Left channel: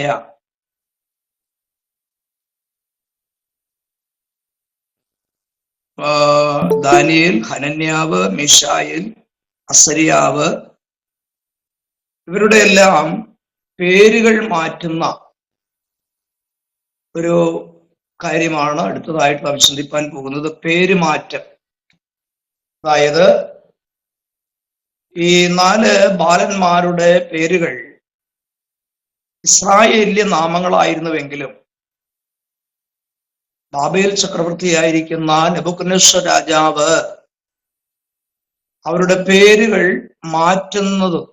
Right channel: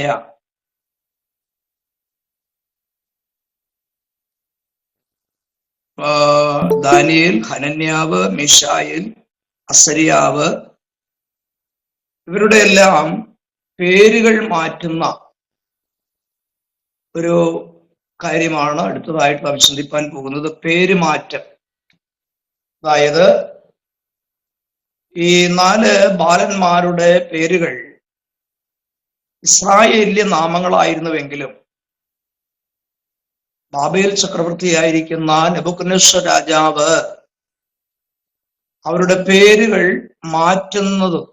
പുത്രന്മാരായ ദാനിയേൽ, ഹനന്യാവ്, മീശായേൽ, അസരിയാവ്, ഇവരുടെ എല്ലാം പേരുകൾ മാറ്റുന്ന ഒരു കാര്യമാണ് അടുത്തതായിട്ട് നാം ചിന്തിപ്പാൻ പോകുന്നത്. പേരുമാറ്റം. അതായത് ഈ 4 ബാലന്മാരുടെ പേരുകൾ ഇസ്രായേല്യ നാമങ്ങളായിരുന്നുവെങ്കിലും ബാബേൽ ചക്രവർത്തിയായിരിക്കുന്ന നെബൂഖദ്നേസർ രാജാവ് അവരുടെ പേരുകൾ മാറ്റുന്നതും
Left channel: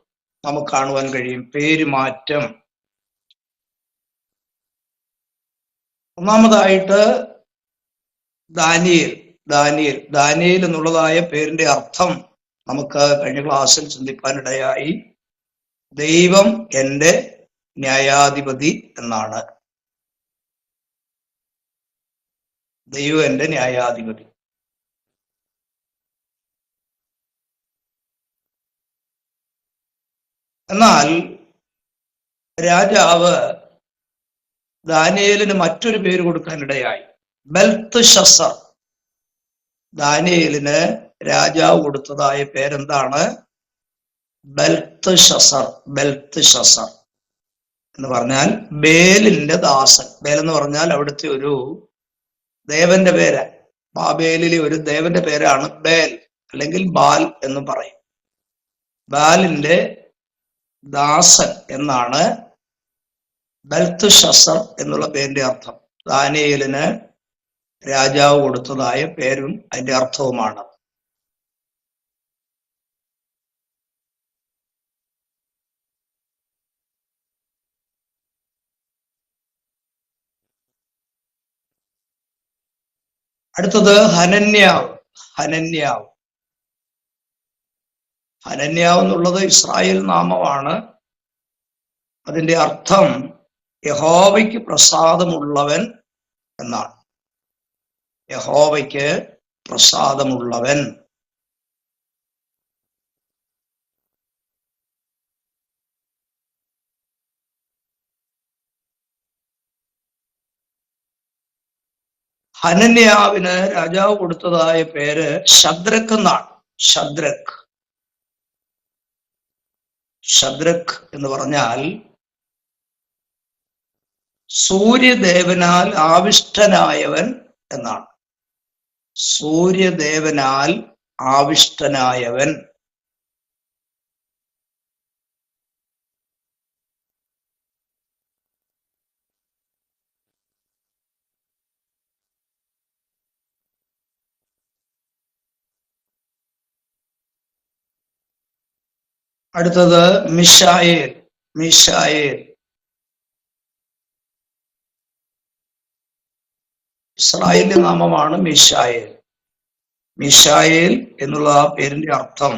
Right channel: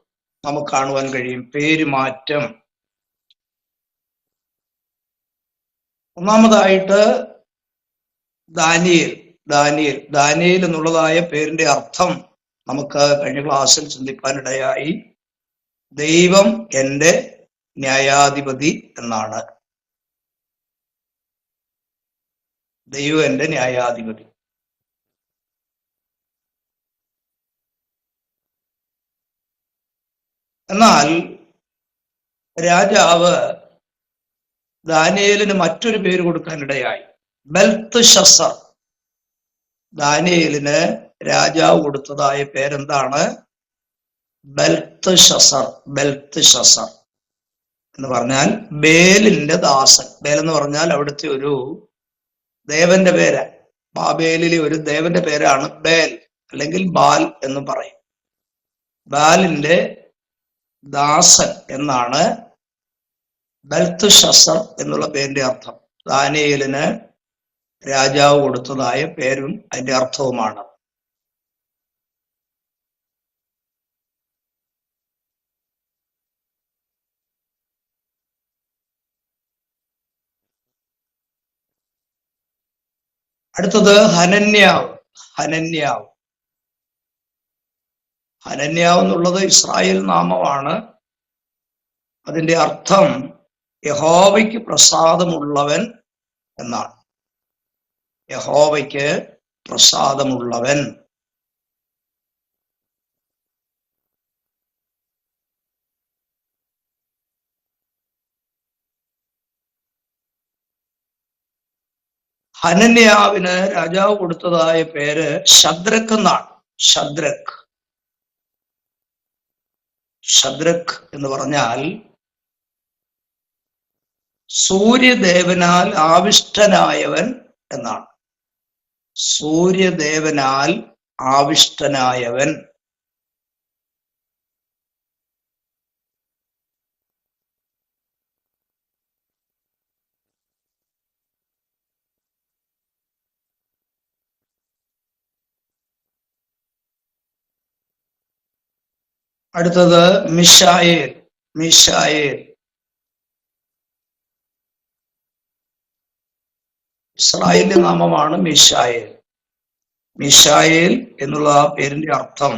നമുക്ക് കാണുവാൻ കഴിയും. പേരുമാറ്റം. ഒന്നാമതായിട്ട് ദാനിയേൽ എന്നുള്ളതായ പേരിന്റെ അർത്ഥം നമുക്ക് കഴിഞ്ഞ ക്ലാസ്സിൽ ചിന്തിക്കാനിടയായി. ദൈവം എൻ്റെ ന്യായാധിപതി എന്നാണ്. ദൈവം എൻ്റെ ന്യായാധിപതി. എന്നാൽ രാജാവ് ദാനിയേലിന് മറ്റൊരു പേര് കൊടുക്കാനിടയായി. ബെൽത്ത്ശസ്സർ. ദാനിയേലിന് രാജാവ് കൊടുത്തതായ പേരെന്താണ്? ബെൽത്ത്ശസ്സർ. ബെൽത്ത്ശസ്സർ എന്ന് പറഞ്ഞാൽ ബേലിന്റെ ദാസൻ. ബേൽ എന്ന് പറഞ്ഞാൽ അവിടുത്തെ ഒരു ദേവന്റെ പേര്. ബാബേലിലെ ഒരു ദേവന്റെ പേരാണ് ബേൽ, അല്ലെങ്കിൽ ബാൽ എന്ന് പറയും. ബാലിന്റെ ദാസൻ എന്നാണ് ബെൽത്ത്ശസ്സർ എന്നുള്ള പേരിന്റെ അർത്ഥം. ദാനിയേലിന് രാജാവ് കൊടുത്തതായ പേരും അതിന്റെ അർത്ഥവുമാണ്. അടുത്തത് ഹനന്യാവ്. ഹനന്യാവ് എന്നുള്ളത് ഇസ്രായേൽ നാമമാണ്. അതിന്റെ അർത്ഥം യഹോവയ്ക്ക് പ്രസാദമുള്ളവൻ എന്നാണ്. യഹോവയ്ക്ക് പ്രസാദമുള്ളവൻ. ഹനന്യാവിന് രാജാവ് കൊടുത്തതായ പേര് ശദ്രക്ക് എന്നാണ്. ശദ്രക്ക് എന്ന് പറഞ്ഞാൽ സൂര്യദേവനാൽ ആവിഷ്ടനായവൻ എന്നാണ്. സൂര്യദേവനാൽ ആവിഷ്ടനായവൻ. അടുത്തത് മിശായേൽ. ഇസ്രായേലിന്റെ നാമമാണ് മിശായേൽ. മിശായേൽ എന്നുള്ള ആ പേരിന്റെ അർത്ഥം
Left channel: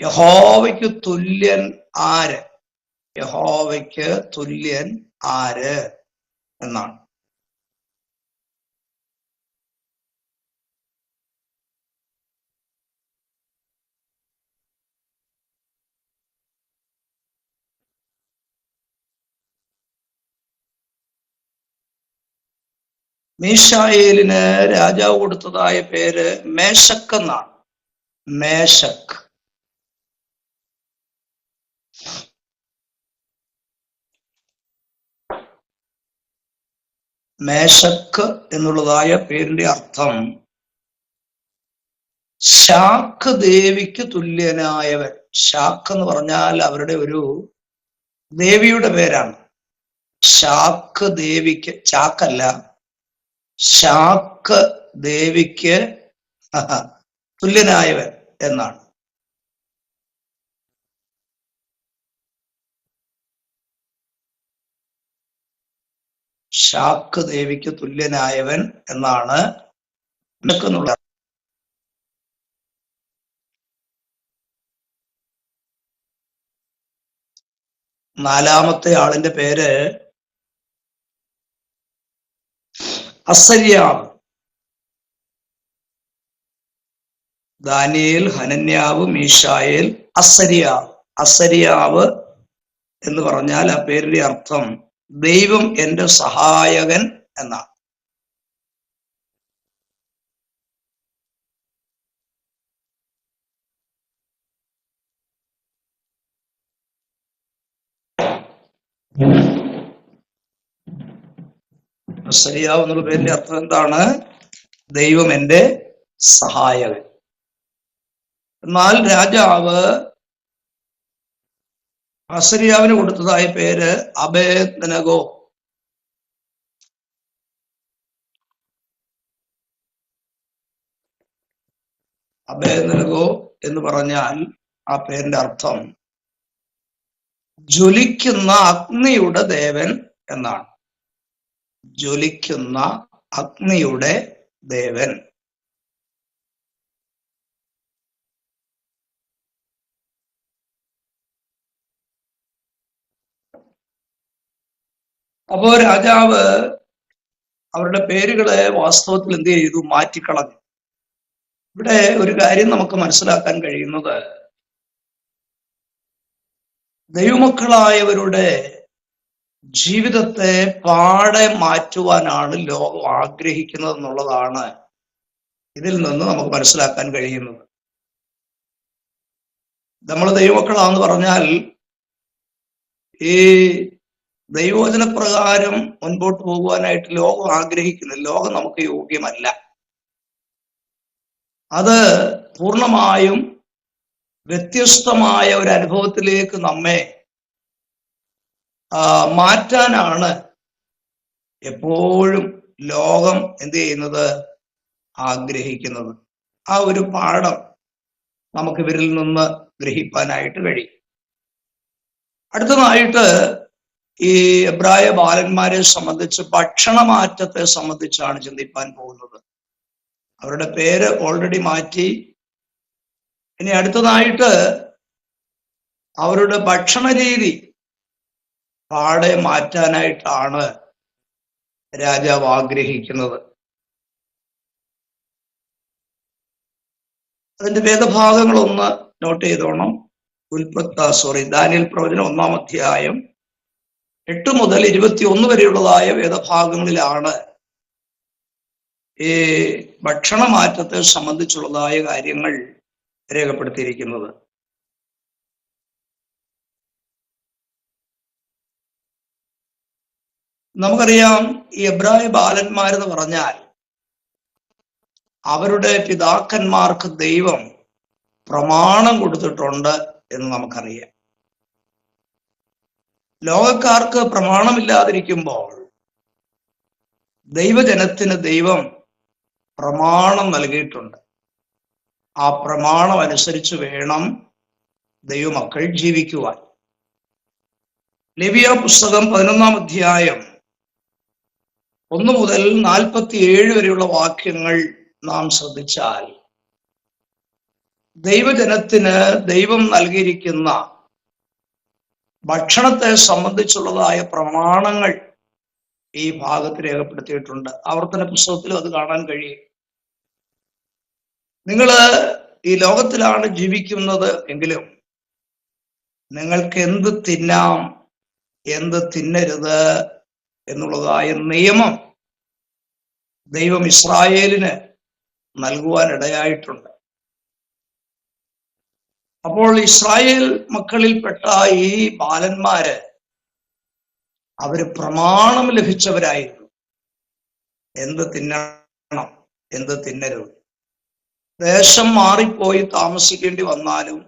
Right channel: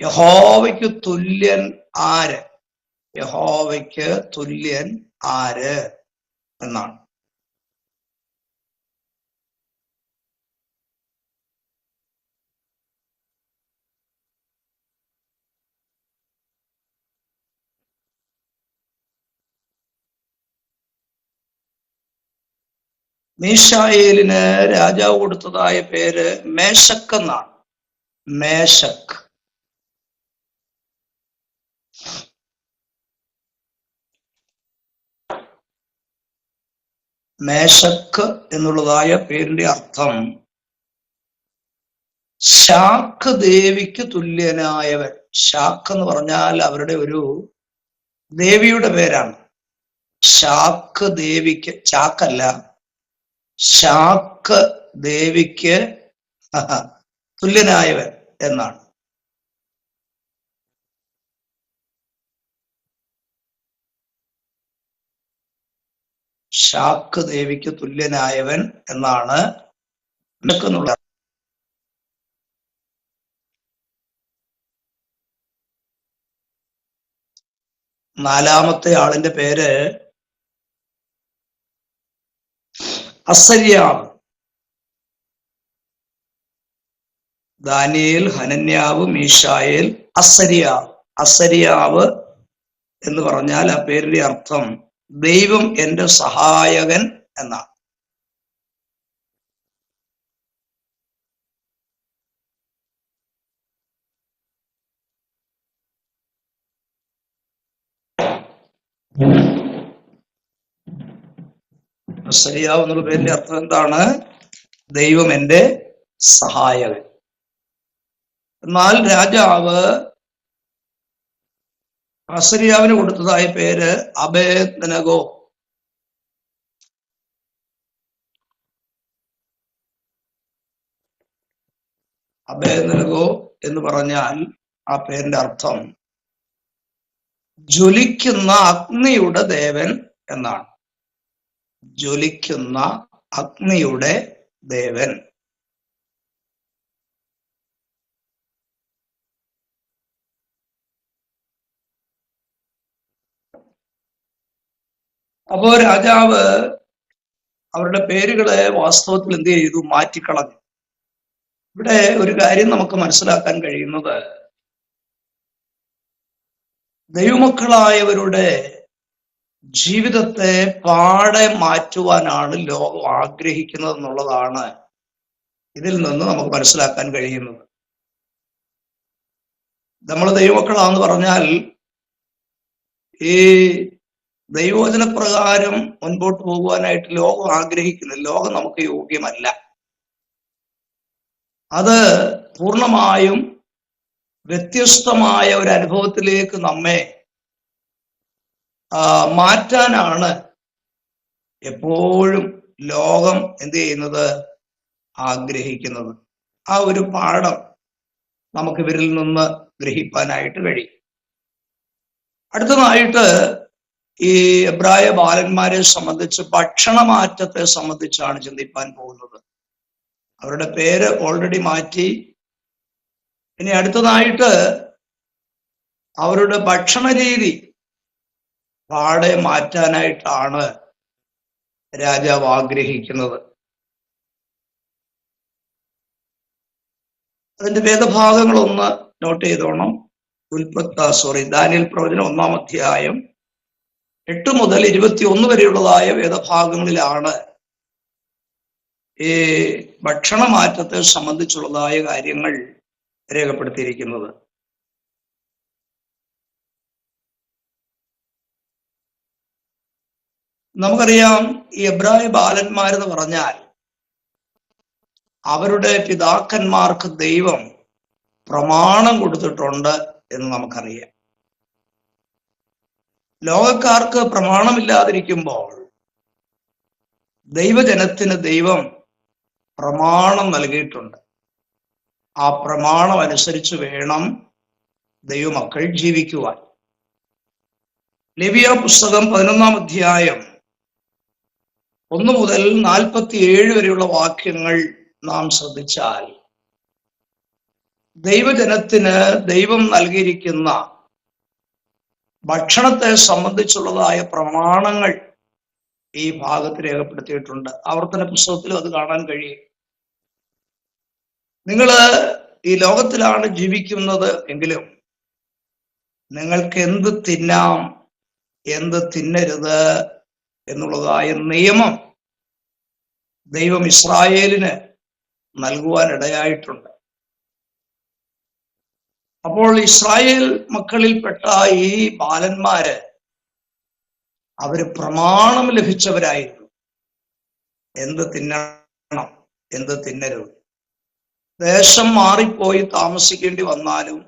യഹോവയ്ക്ക് തുല്യൻ ആര്? യഹോവയ്ക്ക് തുല്യൻ ആര് എന്നാണ്. മീശായേലിന് രാജാവ് കൊടുത്തതായ പേര് മേശക്ക് എന്നാണ്. മേശക്ക് എന്നുള്ളതായ പേരിന്റെ അർത്ഥം ശാക്ക് ദേവിക്ക് തുല്യനായവൻ. ശാക്ക് എന്ന് പറഞ്ഞാൽ അവരുടെ ഒരു ദേവിയുടെ പേരാണ്. ശാക്ക് ദേവിക്ക്, ചാക്കല്ല, ശാക്ക് ദേവിക്ക് തുല്യനായവൻ എന്നാണ്. ശാക്ക് ദേവിക്ക് തുല്യനായവൻ എന്നാണ് എന്നുള്ള. നാലാമത്തെ ആളിന്റെ പേര് അസര്യാവ്. ദാനിയേൽ, ഹനന്യാവ്, മീശായേൽ, അസര്യാവ് എന്ന് പറഞ്ഞാൽ ആ പേരിന്റെ അർത്ഥം ദൈവം എന്റെ സഹായകൻ എന്നാണ്. അസരിയാവ് എന്നുള്ള പേരിന്റെ അർത്ഥം എന്താണ്? ദൈവം എന്റെ സഹായകൻ. എന്നാൽ രാജാവ് അസരിയാവിന് കൊടുത്തതായ പേര് അബേദ്നെഗോ. അബേദ്നെഗോ എന്ന് പറഞ്ഞാൽ ആ പേരിന്റെ അർത്ഥം ജ്വലിക്കുന്ന അഗ്നിയുടെ ദേവൻ എന്നാണ്. ജ്വലിക്കുന്ന അഗ്നിയുടെ ദേവൻ. അപ്പോ രാജാവ് അവരുടെ പേരുകളെ വാസ്തവത്തിൽ എന്ത് ചെയ്തു? മാറ്റിക്കളഞ്ഞു. ഇവിടെ ഒരു കാര്യം നമുക്ക് മനസ്സിലാക്കാൻ കഴിയുന്നത്, ദൈവമക്കളായവരുടെ ജീവിതത്തെ പാടെ മാറ്റുവാനാണ് ലോകം ആഗ്രഹിക്കുന്നത് എന്നുള്ളതാണ് ഇതിൽ നിന്ന് നമുക്ക് മനസ്സിലാക്കാൻ കഴിയുന്നത്. നമ്മൾ ദൈവമക്കളാന്ന് പറഞ്ഞാൽ ഈ ദൈവവചനപ്രകാരം മുൻപോട്ട് പോകുവാനായിട്ട് ലോകം ആഗ്രഹിക്കുന്നില്ല. ലോകം നമുക്ക് യോഗ്യമല്ല. അത് പൂർണ്ണമായും വ്യത്യസ്തമായ ഒരു അനുഭവത്തിലേക്ക് നമ്മെ മാറ്റാനാണ് എപ്പോഴും ലോകം എന്ത് ചെയ്യുന്നത്? ആഗ്രഹിക്കുന്നത്. ആ ഒരു പാഠം നമുക്ക് ഇവരിൽ നിന്ന് ഗ്രഹിക്കാനായിട്ട് കഴിയും. അടുത്തതായിട്ട് ഈ എബ്രായ ബാലന്മാരെ സംബന്ധിച്ച് ഭക്ഷണമാറ്റത്തെ സംബന്ധിച്ചാണ് ചിന്തിപ്പാൻ പോകുന്നത്. അവരുടെ പേര് ഓൾറെഡി മാറ്റി. ഇനി അടുത്തതായിട്ട് അവരുടെ ഭക്ഷണ രീതി പാടെ മാറ്റാനായിട്ടാണ് രാജാവ് ആഗ്രഹിക്കുന്നത്. അതിന്റെ വേദഭാഗങ്ങളൊന്ന് നോട്ട് ചെയ്തോണം. ദാനിയേൽ പ്രവചനം 1-ാം അധ്യായം 8 മുതൽ 21 വരെയുള്ളതായ വേദഭാഗങ്ങളിലാണ് ഈ ഭക്ഷണമാറ്റത്തെ സംബന്ധിച്ചുള്ളതായ കാര്യങ്ങൾ രേഖപ്പെടുത്തിയിരിക്കുന്നത്. നമുക്കറിയാം, ഈ എബ്രായ ബാലന്മാരെന്ന് പറഞ്ഞാൽ അവരുടെ പിതാക്കന്മാർക്ക് ദൈവം പ്രമാണം കൊടുത്തിട്ടുണ്ട് എന്ന് നമുക്കറിയാം. ലോകക്കാർക്ക് പ്രമാണമില്ലാതിരിക്കുമ്പോൾ ദൈവജനത്തിന് ദൈവം പ്രമാണം നൽകിയിട്ടുണ്ട്. ആ പ്രമാണം അനുസരിച്ച് വേണം ദൈവമക്കൾ ജീവിക്കുവാൻ. ലേവ്യ പുസ്തകം 11-ാം അധ്യായം 1 മുതൽ 47 വരെയുള്ള വാക്യങ്ങൾ നാം ശ്രദ്ധിച്ചാൽ ദൈവജനത്തിന് ദൈവം നൽകിയിരിക്കുന്ന ഭക്ഷണത്തെ സംബന്ധിച്ചുള്ളതായ പ്രമാണങ്ങൾ ഈ ഭാഗത്ത് രേഖപ്പെടുത്തിയിട്ടുണ്ട്. ആവർത്തന പുസ്തകത്തിലും അത് കാണാൻ കഴിയും. നിങ്ങൾ ഈ ലോകത്തിലാണ് ജീവിക്കുന്നത് എങ്കിലും നിങ്ങൾക്ക് എന്ത് തിന്നാം, എന്ത് തിന്നരുത് എന്നുള്ളതായ നിയമം ദൈവം ഇസ്രായേലിന് നൽകുവാൻ ഇടയായിട്ടുണ്ട്. അപ്പോൾ ഇസ്രായേൽ മക്കളിൽപ്പെട്ട ഈ ബാലന്മാര് അവര് പ്രമാണം ലഭിച്ചവരായിരുന്നു. എന്ത് തിന്നണം, എന്ത് തിന്നരുത്. ദേശം മാറിപ്പോയി താമസിക്കേണ്ടി വന്നാലും,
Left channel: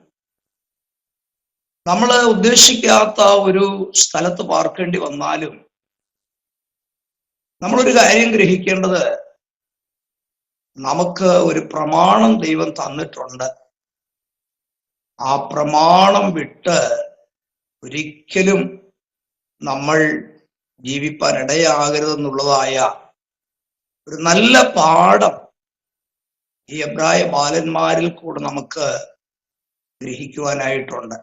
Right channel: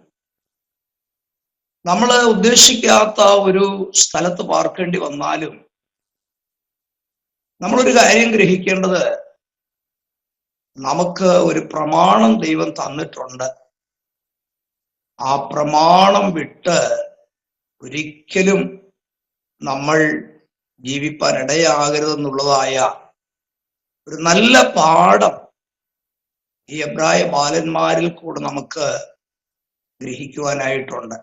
നമ്മൾ ഉദ്ദേശിക്കാത്ത ഒരു സ്ഥലത്ത് പാർക്കേണ്ടി വന്നാലും, നമ്മളൊരു കാര്യം ഗ്രഹിക്കേണ്ടത്, നമുക്ക് ഒരു പ്രമാണം ദൈവം തന്നിട്ടുണ്ട്. ആ പ്രമാണം വിട്ട് ഒരിക്കലും നമ്മൾ ജീവിപ്പാൻ ഇടയാകരുതെന്നുള്ളതായ ഒരു നല്ല പാഠം ഈ എബ്രായ ബാലന്മാരിൽ കൂടെ നമുക്ക് ഗ്രഹിക്കുവാനായിട്ടുണ്ട്.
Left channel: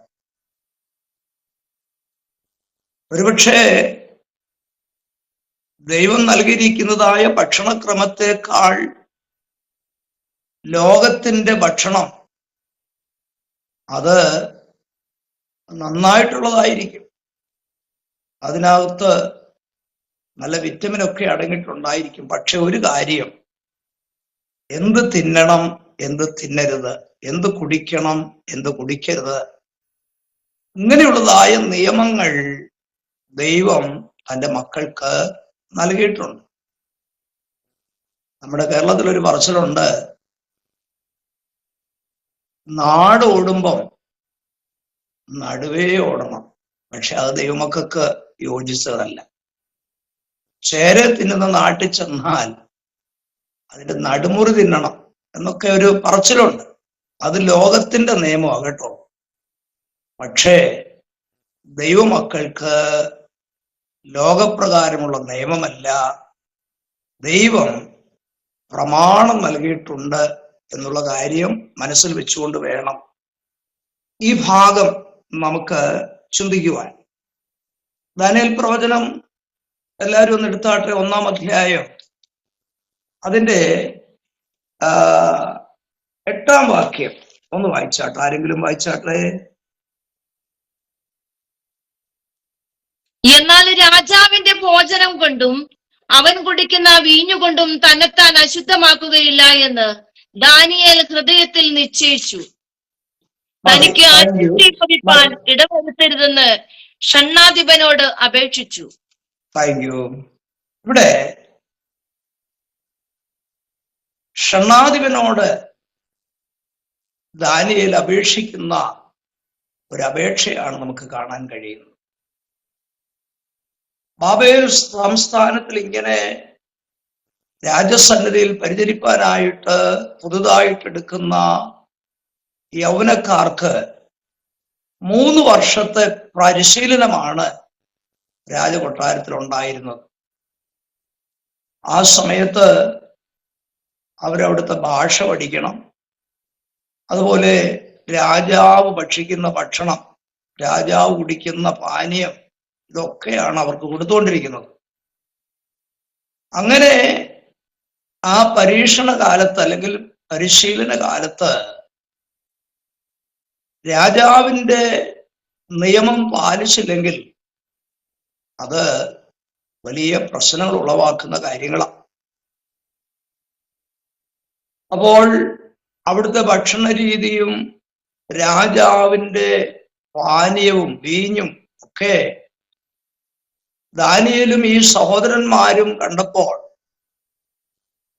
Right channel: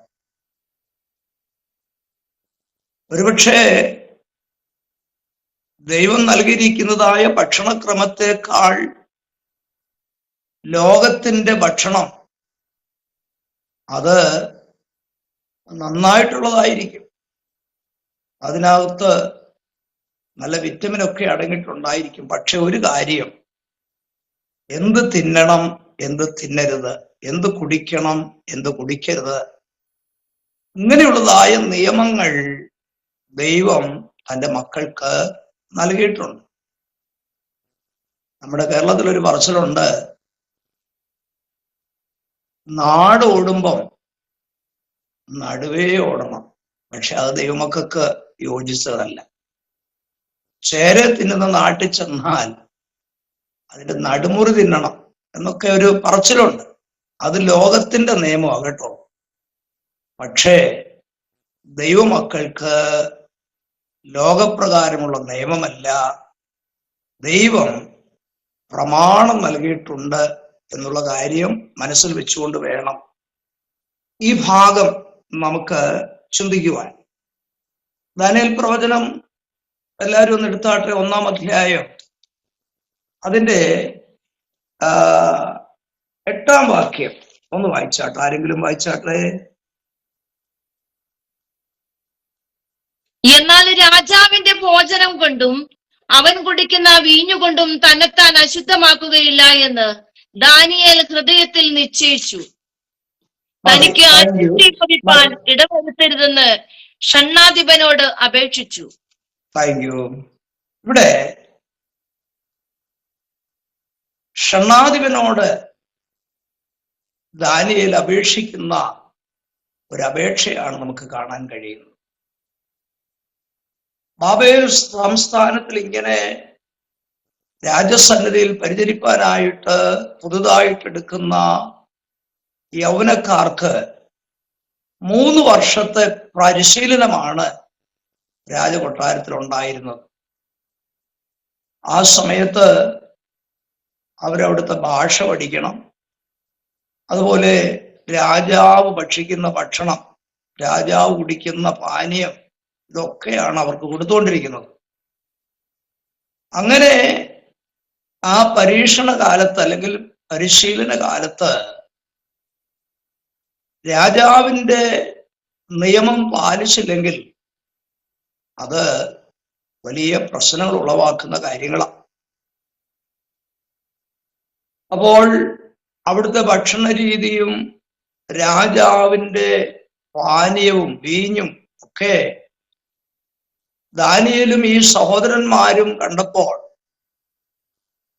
ഒരുപക്ഷെ ദൈവം നൽകിയിരിക്കുന്നതായ ഭക്ഷണക്രമത്തെക്കാൾ ലോകത്തിന്റെ ഭക്ഷണം അത് നന്നായിട്ടുള്ളതായിരിക്കും. അതിനകത്ത് നല്ല വിറ്റമിനൊക്കെ അടങ്ങിയിട്ടുണ്ടായിരിക്കും. പക്ഷെ ഒരു കാര്യം, എന്ത് തിന്നണം, എന്ത് തിന്നരുത്, എന്ത് കുടിക്കണം, എന്ത് കുടിക്കരുത്, ഇങ്ങനെയുള്ളതായ നിയമങ്ങൾ ദൈവം തൻ്റെ മക്കൾക്ക് നൽകിയിട്ടുണ്ട്. നമ്മുടെ കേരളത്തിലൊരു പറച്ചിലുണ്ട്, നാട് ഓടുമ്പം നടുവേ ഓടണം. പക്ഷെ അത് ദൈവമക്കൾക്ക് യോജിച്ചതല്ല. ചേര തിന്നുന്ന നാട്ടിൽ ചെന്നാൽ അതിന്റെ നടുമുറി തിന്നണം എന്നൊക്കെ ഒരു പറച്ചിലുണ്ട്. അത് ലോകത്തിന്റെ നിയമമാണ് കേട്ടോ. പക്ഷേ ദൈവമക്കൾക്ക് ലോകപ്രകാരമുള്ള നിയമമല്ല, ദൈവം പ്രമാണം നൽകിയിട്ടുണ്ട് എന്നുള്ള കാര്യം മനസ്സിൽ വെച്ചുകൊണ്ട് വേണം ഈ ഭാഗം നമുക്ക് ചിന്തിക്കുവാൻ. ദാനിയേൽ പ്രവചനം എല്ലാവരും ഒന്ന് എടുത്താട്ടെ, 1-ാം അധ്യായം അതിന്റെ 8-ാം വാക്യം ഒന്ന് വായിച്ചാട്ടെ. ആരെങ്കിലും വായിച്ചാട്ടെ. എന്നാൽ രാജാവിന്റെ ഭോജനം കൊണ്ടും അവൻ കുടിക്കുന്ന വീഞ്ഞുകൊണ്ടും തന്നെത്താൻ അശുദ്ധമാക്കുകയില്ല എന്ന് ദാനിയേൽ ഹൃദയത്തിൽ നിശ്ചയിച്ചു. തനിക്ക് അശുദ്ധി പതിപ്പാൻ ഇടവരുത്തരുതെന്ന് ഷണ്ഡാധിപനോട് അപേക്ഷിച്ചു. ഇവിടെ ഷണ്ഡാധിപനോട് ദാനിയേൽ അപേക്ഷിക്കുന്ന ഒരു അപേക്ഷയാണ് നമുക്ക് കാണാൻ കഴിയുന്നത്. ബാബേൽ സംസ്ഥാനത്തിൽ ഇങ്ങനെ രാജസന്നിധിയിൽ പരിചരിപ്പാനായിട്ട് പുതുതായിട്ട് എടുക്കുന്ന യൗവനക്കാർക്ക് 3 വർഷത്തെ പരിശീലനമാണ് രാജകൊട്ടാരത്തിൽ ഉണ്ടായിരുന്നത്. ആ സമയത്ത് അവരവിടുത്തെ ഭാഷ പഠിക്കണം. അതുപോലെ രാജാവ് ഭക്ഷിക്കുന്ന ഭക്ഷണം, രാജാവ് കുടിക്കുന്ന പാനീയം, ഇതൊക്കെയാണ് അവർക്ക് കൊടുത്തുകൊണ്ടിരിക്കുന്നത്. അങ്ങനെ ആ പരീക്ഷണ കാലത്ത് അല്ലെങ്കിൽ പരിശീലന കാലത്ത് രാജാവിൻ്റെ നിയമം പാലിച്ചില്ലെങ്കിൽ അത് വലിയ പ്രശ്നങ്ങൾ ഉളവാക്കുന്ന കാര്യങ്ങളാണ്. അപ്പോൾ അവിടുത്തെ ഭക്ഷണ രീതിയും രാജാവിൻ്റെ പാനീയവും വീഞ്ഞും ഒക്കെ ദാനിയേലും ഈ സഹോദരന്മാരും കണ്ടപ്പോൾ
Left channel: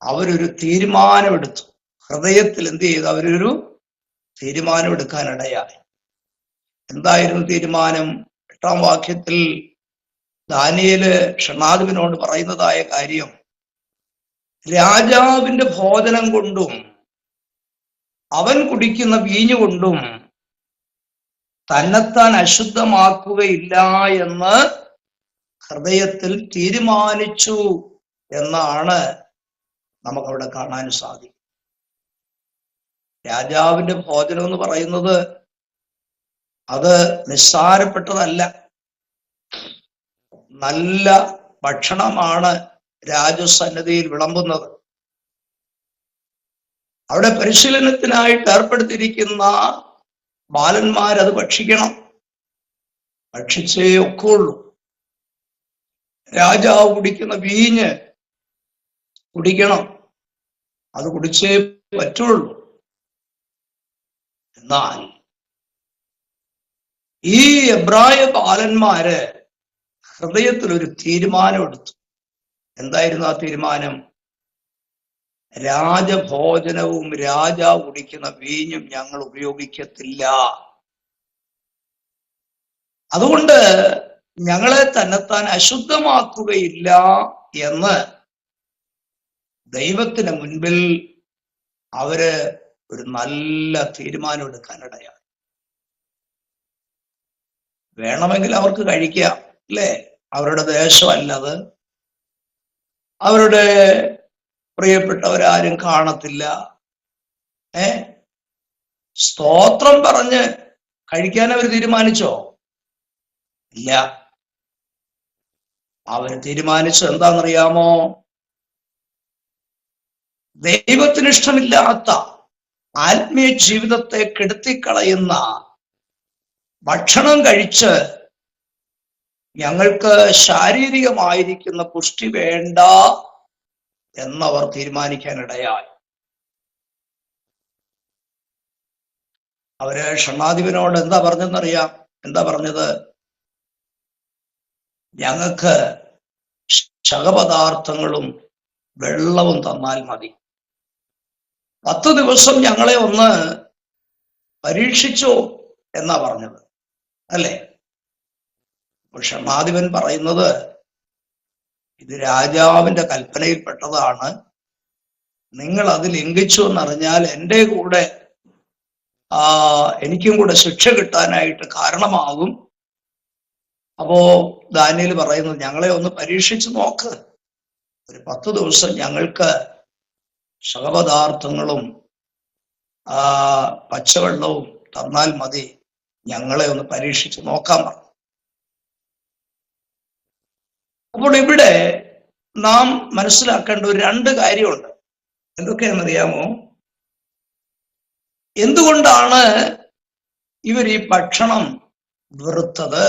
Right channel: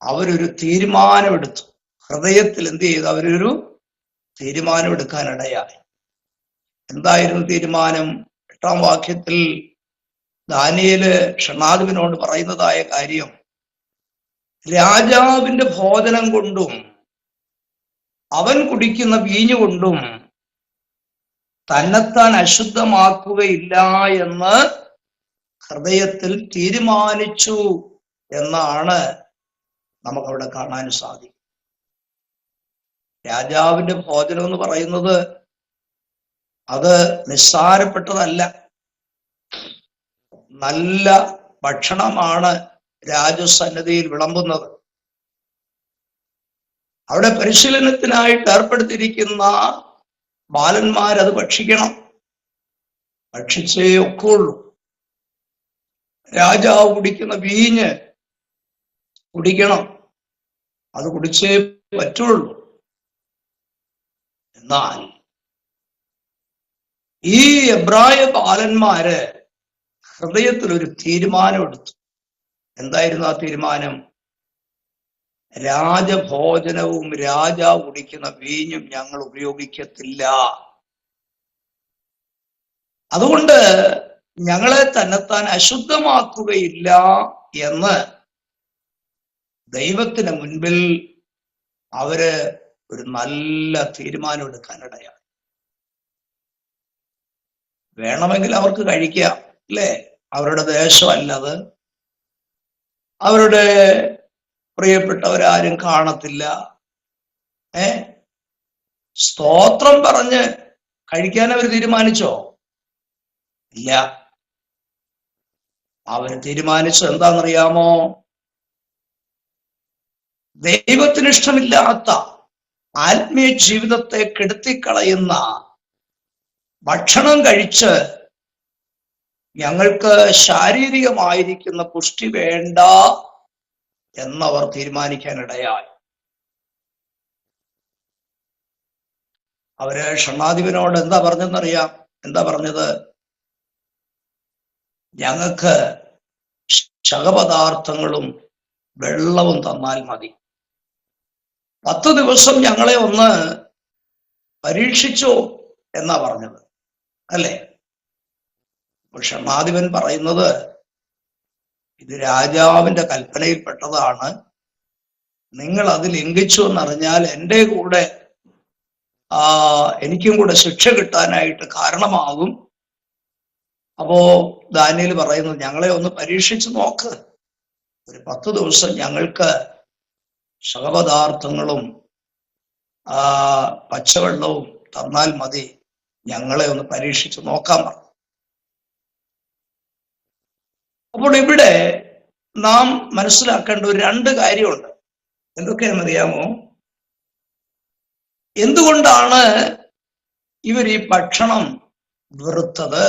അവരൊരു തീരുമാനമെടുത്തു. ഹൃദയത്തിൽ എന്ത് ചെയ്തു? അവരൊരു തീരുമാനമെടുക്കാനിടയായി. എന്തായിരുന്നു തീരുമാനം? 8-ാം വാക്യത്തിൽ ദാനിയേല് ഷണ്ഡാധിപനോട് പറയുന്നതായ കാര്യം, രാജാവിന്റെ ഭോജനം കൊണ്ടും അവൻ കുടിക്കുന്ന വീഞ്ഞുകൊണ്ടും തന്നെത്താൻ അശുദ്ധമാക്കുകയില്ല എന്ന് ഹൃദയത്തിൽ തീരുമാനിച്ചു എന്നാണ് നമുക്കവിടെ കാണാൻ സാധിക്കും. രാജാവിന്റെ ഭോജനം എന്ന് പറയുന്നത് അത് നിസ്സാരപ്പെട്ടതല്ല. നല്ല ഭക്ഷണമാണ് രാജസന്നിധിയിൽ വിളമ്പുന്നത്. അവിടെ പരിശീലനത്തിനായിട്ട് ഏർപ്പെടുത്തിയിരിക്കുന്ന ബാലന്മാരത് ഭക്ഷിക്കണം, ഭക്ഷിച്ചേ ഒക്കുള്ളൂ. രാജാവ് കുടിക്കുന്ന വീഞ്ഞ് കുടിക്കണം, അത് കുടിച്ചേ പറ്റുള്ളൂ. എന്നാൽ ഈ എബ്രായ ബാലന്മാര് ഹൃദയത്തിൽ ഒരു തീരുമാനമെടുത്തു. എന്തായിരുന്നു ആ തീരുമാനം? രാജഭോജനവും രാജാവ് കുടിക്കുന്ന വീഞ്ഞും ഞങ്ങൾ ഉപയോഗിക്കത്തില്ല. അതുകൊണ്ട് ഞങ്ങളെ തന്നെത്താൻ അശുദ്ധമാക്കുകയില്ല എന്ന് ദൈവത്തിന് മുൻപിൽ അവര് ഒരു നല്ല തീരുമാനം എടുക്കാനിടയാണ്. വേണമെങ്കിൽ അവർക്ക് കഴിക്കാം, അല്ലേ? അവരുടെ ദേശമല്ലത്, അവരുടെ പ്രിയപ്പെട്ടവരാരും കാണത്തില്ല. സ്തോത്രം പറഞ്ഞ് കഴിക്കാൻ അവർ തീരുമാനിച്ചോ? ഇല്ല. അവര് തീരുമാനിച്ചത് എന്താണെന്നറിയാമോ? ദൈവത്തിന് ഇഷ്ടമില്ലാത്ത ആത്മീയ ജീവിതത്തെ കെടുത്തിക്കളയുന്ന ഭക്ഷണം കഴിച്ച് ഞങ്ങൾക്ക് ശാരീരികമായിരിക്കുന്ന പുഷ്ടി വേണ്ട എന്നവർ തീരുമാനിക്കാനിടയായി. അവര് ഷണ്ണാധിപനോട് എന്താ പറഞ്ഞെന്നറിയാം? എന്താ പറഞ്ഞത്? ഞങ്ങൾക്ക് ശകപദാർത്ഥങ്ങളും വെള്ളവും തന്നാൽ മതി. 10 ദിവസം ഞങ്ങളെ ഒന്ന് പരീക്ഷിച്ചോ എന്നാ പറഞ്ഞത്, അല്ലേ? ഷണ്ണാധിപൻ പറയുന്നത്, ഇത് രാജാവിന്റെ കൽപ്പനയിൽപ്പെട്ടതാണ്, നിങ്ങൾ അത് ലംഘിച്ചു എന്നറിഞ്ഞാൽ എൻ്റെ കൂടെ എനിക്കും കൂടെ ശിക്ഷ കിട്ടാനായിട്ട് കാരണമാകും. അപ്പോ ദാനിയേൽ പറയുന്നത്, ഞങ്ങളെ ഒന്ന് പരീക്ഷിച്ച് നോക്ക്, ഒരു 10 ദിവസം ഞങ്ങൾക്ക് ശകപദാർത്ഥങ്ങളും പച്ചവെള്ളവും തന്നാൽ മതി, ഞങ്ങളെ ഒന്ന് പരീക്ഷിച്ച് നോക്കാൻ പറഞ്ഞു. അപ്പോൾ ഇവിടെ നാം മനസ്സിലാക്കേണ്ട ഒരു 2 കാര്യമുണ്ട്. എന്തൊക്കെയാണെന്നറിയാമോ? എന്തുകൊണ്ടാണ് ഇവർ ഈ ഭക്ഷണം വെറുത്തത്,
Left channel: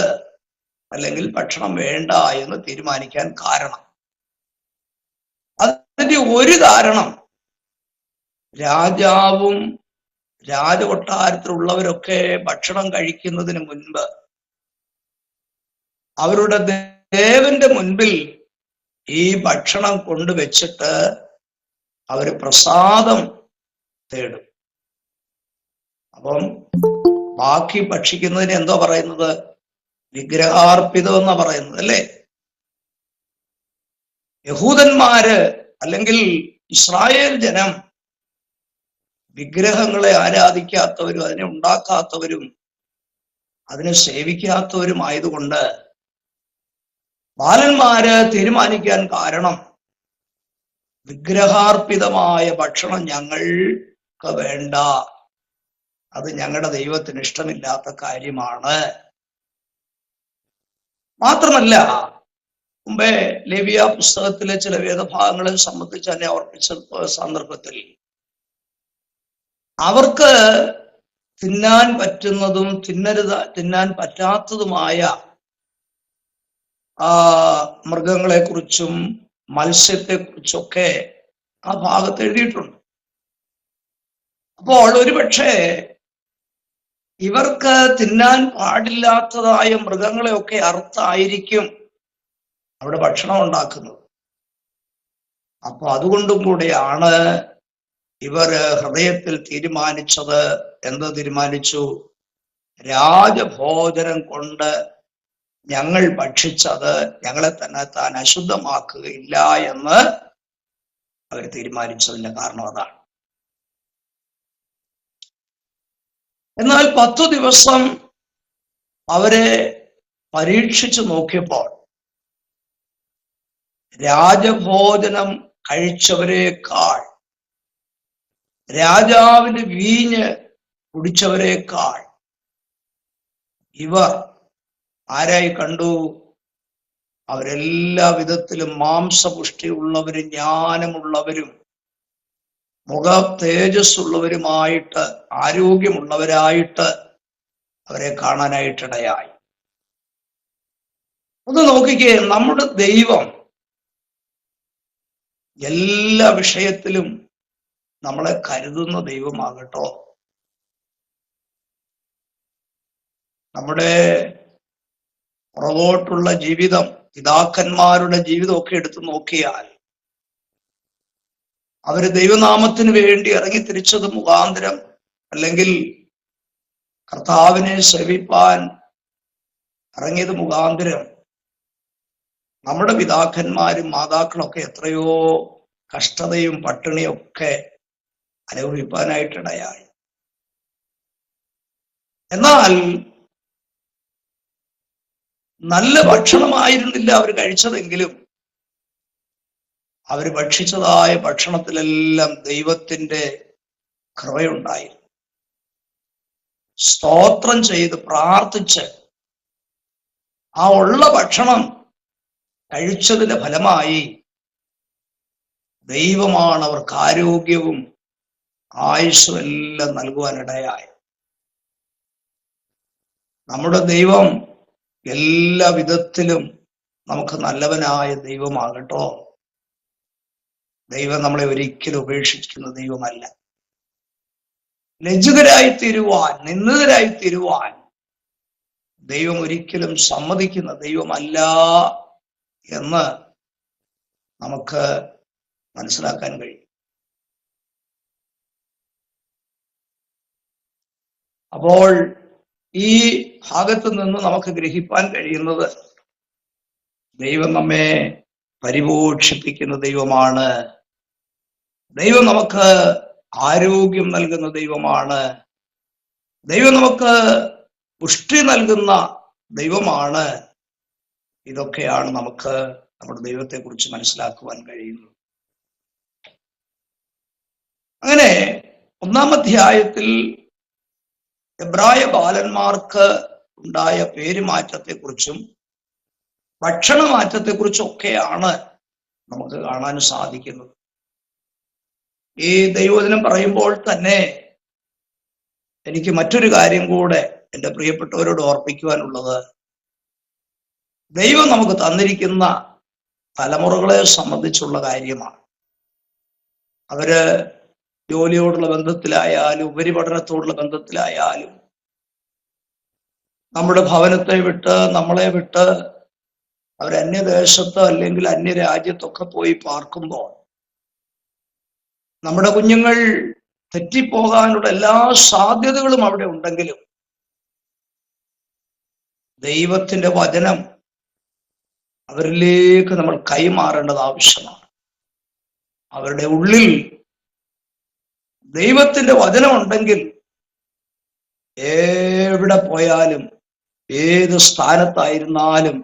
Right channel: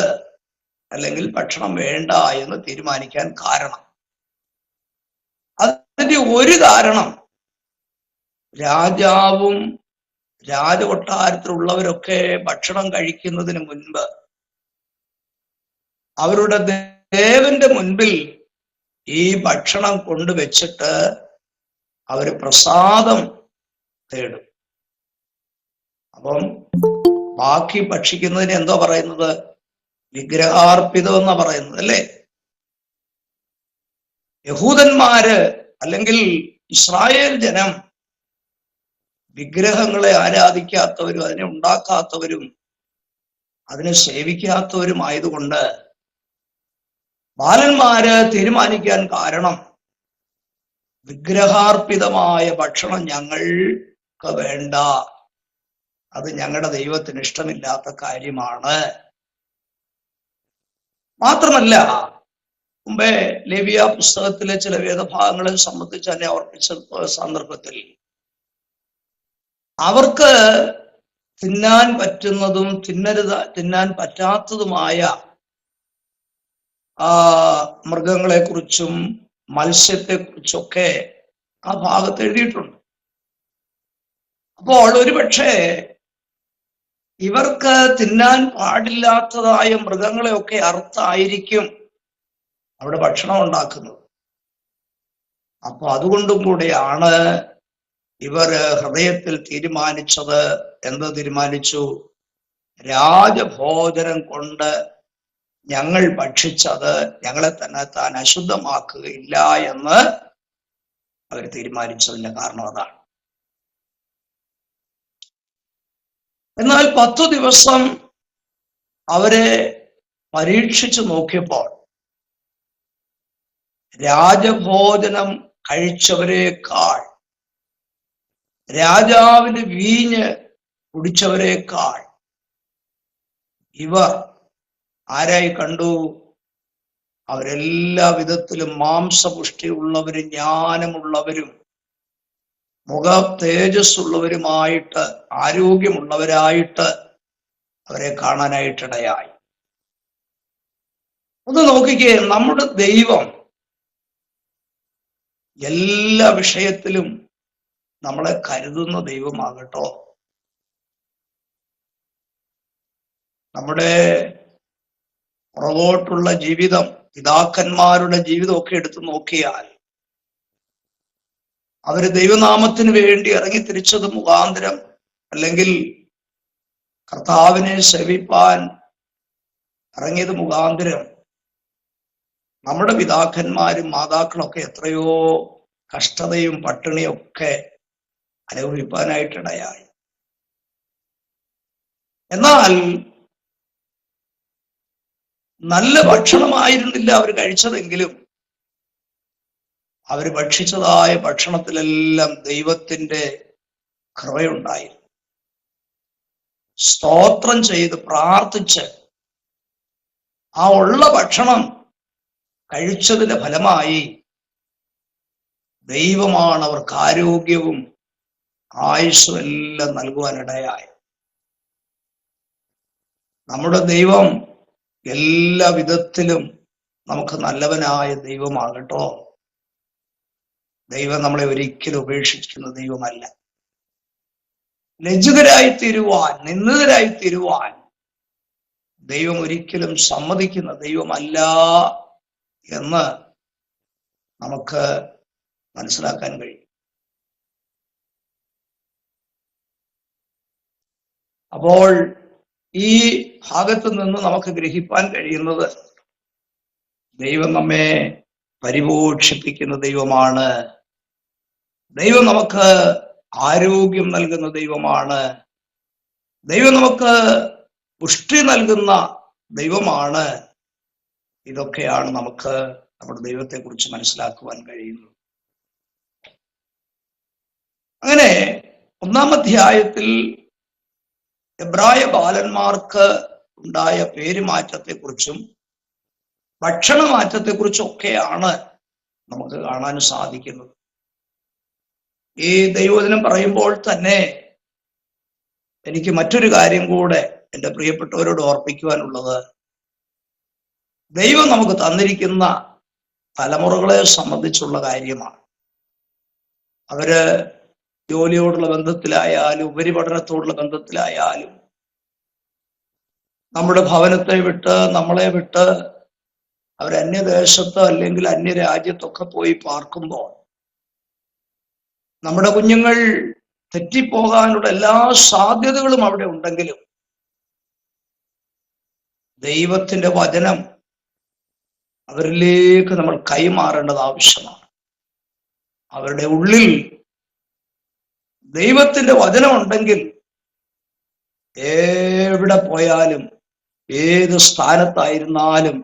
അല്ലെങ്കിൽ ഭക്ഷണം വേണ്ട എന്ന് തീരുമാനിക്കാൻ കാരണം? അതിന്റെ ഒരു കാരണം, രാജാവും രാജകൊട്ടാരത്തിലുള്ളവരൊക്കെ ഭക്ഷണം കഴിക്കുന്നതിന് മുൻപ് അവരുടെ ദേവന്റെ മുൻപിൽ ഈ ഭക്ഷണം കൊണ്ടുവച്ചിട്ട് അവര് പ്രസാദം തേടും. അപ്പം ബാക്കി ഭക്ഷിക്കുന്നതിന് എന്തോ പറയുന്നത്? വിഗ്രഹാർപ്പിതം എന്ന് പറയുന്നത്, അല്ലേ? യഹൂദന്മാര് അല്ലെങ്കിൽ ഇസ്രായേൽ ജനം വിഗ്രഹങ്ങളെ ആരാധിക്കാത്തവരും അതിനെ ഉണ്ടാക്കാത്തവരും അതിനെ സേവിക്കാത്തവരുമായതുകൊണ്ട് ബാലന്മാര് തീരുമാനിക്കാൻ കാരണം, വിഗ്രഹാർപ്പിതമായ ഭക്ഷണം ഞങ്ങൾക്ക് വേണ്ട, അത് ഞങ്ങളുടെ ദൈവത്തിന് ഇഷ്ടമില്ലാത്ത കാര്യമാണ്. മാത്രമല്ല, മുമ്പേ ലേവ്യ പുസ്തകത്തിലെ ചില വേദഭാഗങ്ങളെ സംബന്ധിച്ച് തന്നെ ഓർപ്പിച്ച സന്ദർഭത്തിൽ അവർക്ക് തിന്നാൻ പറ്റുന്നതും തിന്നാൻ പറ്റാത്തതുമായ മൃഗങ്ങളെ കുറിച്ചും മത്സ്യത്തെ കുറിച്ചൊക്കെ ആ ഭാഗത്ത് എഴുതിയിട്ടുണ്ട്. അപ്പോൾ ഒരുപക്ഷെ ഇവർക്ക് തിന്നാൻ പാടില്ലാത്തതായ മൃഗങ്ങളെയൊക്കെ അറുത്തായിരിക്കും അവിടെ ഭക്ഷണം ഉണ്ടാക്കുന്നത്. അപ്പൊ അതുകൊണ്ടും കൂടെയാണ് ഇവർ ഹൃദയത്തിൽ തീരുമാനിച്ചത്. എന്ത് തീരുമാനിച്ചു? രാജഭോജനം കൊണ്ട് ഞങ്ങൾ ഭക്ഷിച്ചത് ഞങ്ങളെ തന്നെ താൻ അശുദ്ധമാക്കുകയില്ല എന്ന് അവർ തീരുമാനിച്ചതിന്റെ കാരണം അതാണ്. എന്നാൽ 10 ദിവസം അവരെ പരീക്ഷിച്ചു നോക്കിയപ്പോൾ രാജഭോജനം കഴിച്ചവരെക്കാൾ, രാജാവിന്റെ വീഞ്ഞ് കുടിച്ചവരെക്കാൾ ഇവർ ആരായി കണ്ടു? അവരെല്ലാ വിധത്തിലും മാംസപുഷ്ടിയുള്ളവരും ജ്ഞാനമുള്ളവരും മുഖ തേജസ്സുള്ളവരുമായിട്ട് ആരോഗ്യമുള്ളവരായിട്ട് അവരെ കാണാനായിട്ടിടയായി. ഒന്ന് നോക്കിക്കേ, നമ്മുടെ ദൈവം എല്ലാ വിഷയത്തിലും നമ്മളെ കരുതുന്ന ദൈവമാകട്ടോ. നമ്മുടെ പുറകോട്ടുള്ള ജീവിതം, പിതാക്കന്മാരുടെ ജീവിതമൊക്കെ എടുത്തു നോക്കിയാൽ അവര് ദൈവനാമത്തിന് വേണ്ടി ഇറങ്ങി തിരിച്ചത് മുഖാന്തരം, അല്ലെങ്കിൽ കർത്താവിനെ സേവിപ്പാൻ ഇറങ്ങിയത് മുഖാന്തരം നമ്മുടെ പിതാക്കന്മാരും മാതാക്കളൊക്കെ എത്രയോ കഷ്ടതയും പട്ടിണിയും ഒക്കെ അനുഭവിപ്പാനായിട്ടിടയായി. എന്നാൽ നല്ല ഭക്ഷണമായിരുന്നില്ല അവർ കഴിച്ചതെങ്കിലും അവർ ഭക്ഷിച്ചതായ ഭക്ഷണത്തിലെല്ലാം ദൈവത്തിന്റെ കൃപയുണ്ടായി. സ്തോത്രം ചെയ്ത് പ്രാർത്ഥിച്ച് ആ ഉള്ള ഭക്ഷണം കഴിച്ചതിന്റെ ഫലമായി ദൈവമാണ് അവർക്ക് ആരോഗ്യവും ആയുസ്സും എല്ലാം നൽകുവാനിടയായി. നമ്മുടെ ദൈവം എല്ലാ വിധത്തിലും നമുക്ക് നല്ലവനായ ദൈവമാകട്ടോ. ദൈവം നമ്മളെ ഒരിക്കലും ഉപേക്ഷിക്കുന്ന ദൈവമല്ല. ലജ്ജിതരായി തീരുവാൻ, നിന്ദിതരായി തീരുവാൻ ദൈവം ഒരിക്കലും സമ്മതിക്കുന്ന ദൈവമല്ല എന്ന് നമുക്ക് മനസ്സിലാക്കാൻ കഴിയും. അപ്പോൾ ഈ ഭാഗത്ത് നിന്ന് നമുക്ക് ഗ്രഹിപ്പാൻ കഴിയുന്നത് ദൈവം നമ്മെ പരിപോഷിപ്പിക്കുന്ന ദൈവമാണ്. ദൈവം നമുക്ക് ആരോഗ്യം നൽകുന്ന ദൈവമാണ്. ദൈവം നമുക്ക് പുഷ്ടി നൽകുന്ന ദൈവമാണ്. ഇതൊക്കെയാണ് നമുക്ക് നമ്മുടെ ദൈവത്തെ കുറിച്ച് മനസ്സിലാക്കുവാൻ കഴിയുന്നത്. അങ്ങനെ 1-ാം അധ്യായത്തിൽ എബ്രായ ബാലന്മാർക്ക് ഉണ്ടായ പേരുമാറ്റത്തെക്കുറിച്ചും ഭക്ഷണമാറ്റത്തെക്കുറിച്ചൊക്കെയാണ് നമുക്ക് കാണാൻ സാധിക്കുന്നത്. ഈ ദൈവവചനം പറയുമ്പോൾ തന്നെ എനിക്ക് മറ്റൊരു കാര്യം കൂടെ എൻ്റെ പ്രിയപ്പെട്ടവരോട് ഓർപ്പിക്കുവാനുള്ളത്, ദൈവം നമുക്ക് തന്നിരിക്കുന്ന തലമുറകളെ സംബന്ധിച്ചുള്ള കാര്യമാണ്. അവര് ജോലിയോടുള്ള ബന്ധത്തിലായാലും ഉപരിപഠനത്തോടുള്ള ബന്ധത്തിലായാലും നമ്മുടെ ഭവനത്തെ വിട്ട്, നമ്മളെ വിട്ട് അവർ അന്യദേശത്ത് അല്ലെങ്കിൽ അന്യരാജ്യത്തൊക്കെ പോയി പാർക്കുമ്പോൾ നമ്മുടെ കുഞ്ഞുങ്ങൾ തെറ്റിപ്പോകാനുള്ള എല്ലാ സാധ്യതകളും അവിടെ ഉണ്ടെങ്കിലും ദൈവത്തിന്റെ വചനം അവരിലേക്ക് നമ്മൾ കൈമാറേണ്ടത് ആവശ്യമാണ്. അവരുടെ ഉള്ളിൽ ദൈവത്തിന്റെ വചനം ഉണ്ടെങ്കിൽ എവിടെ പോയാലും ഏത് സ്ഥാനത്തായിരുന്നാലും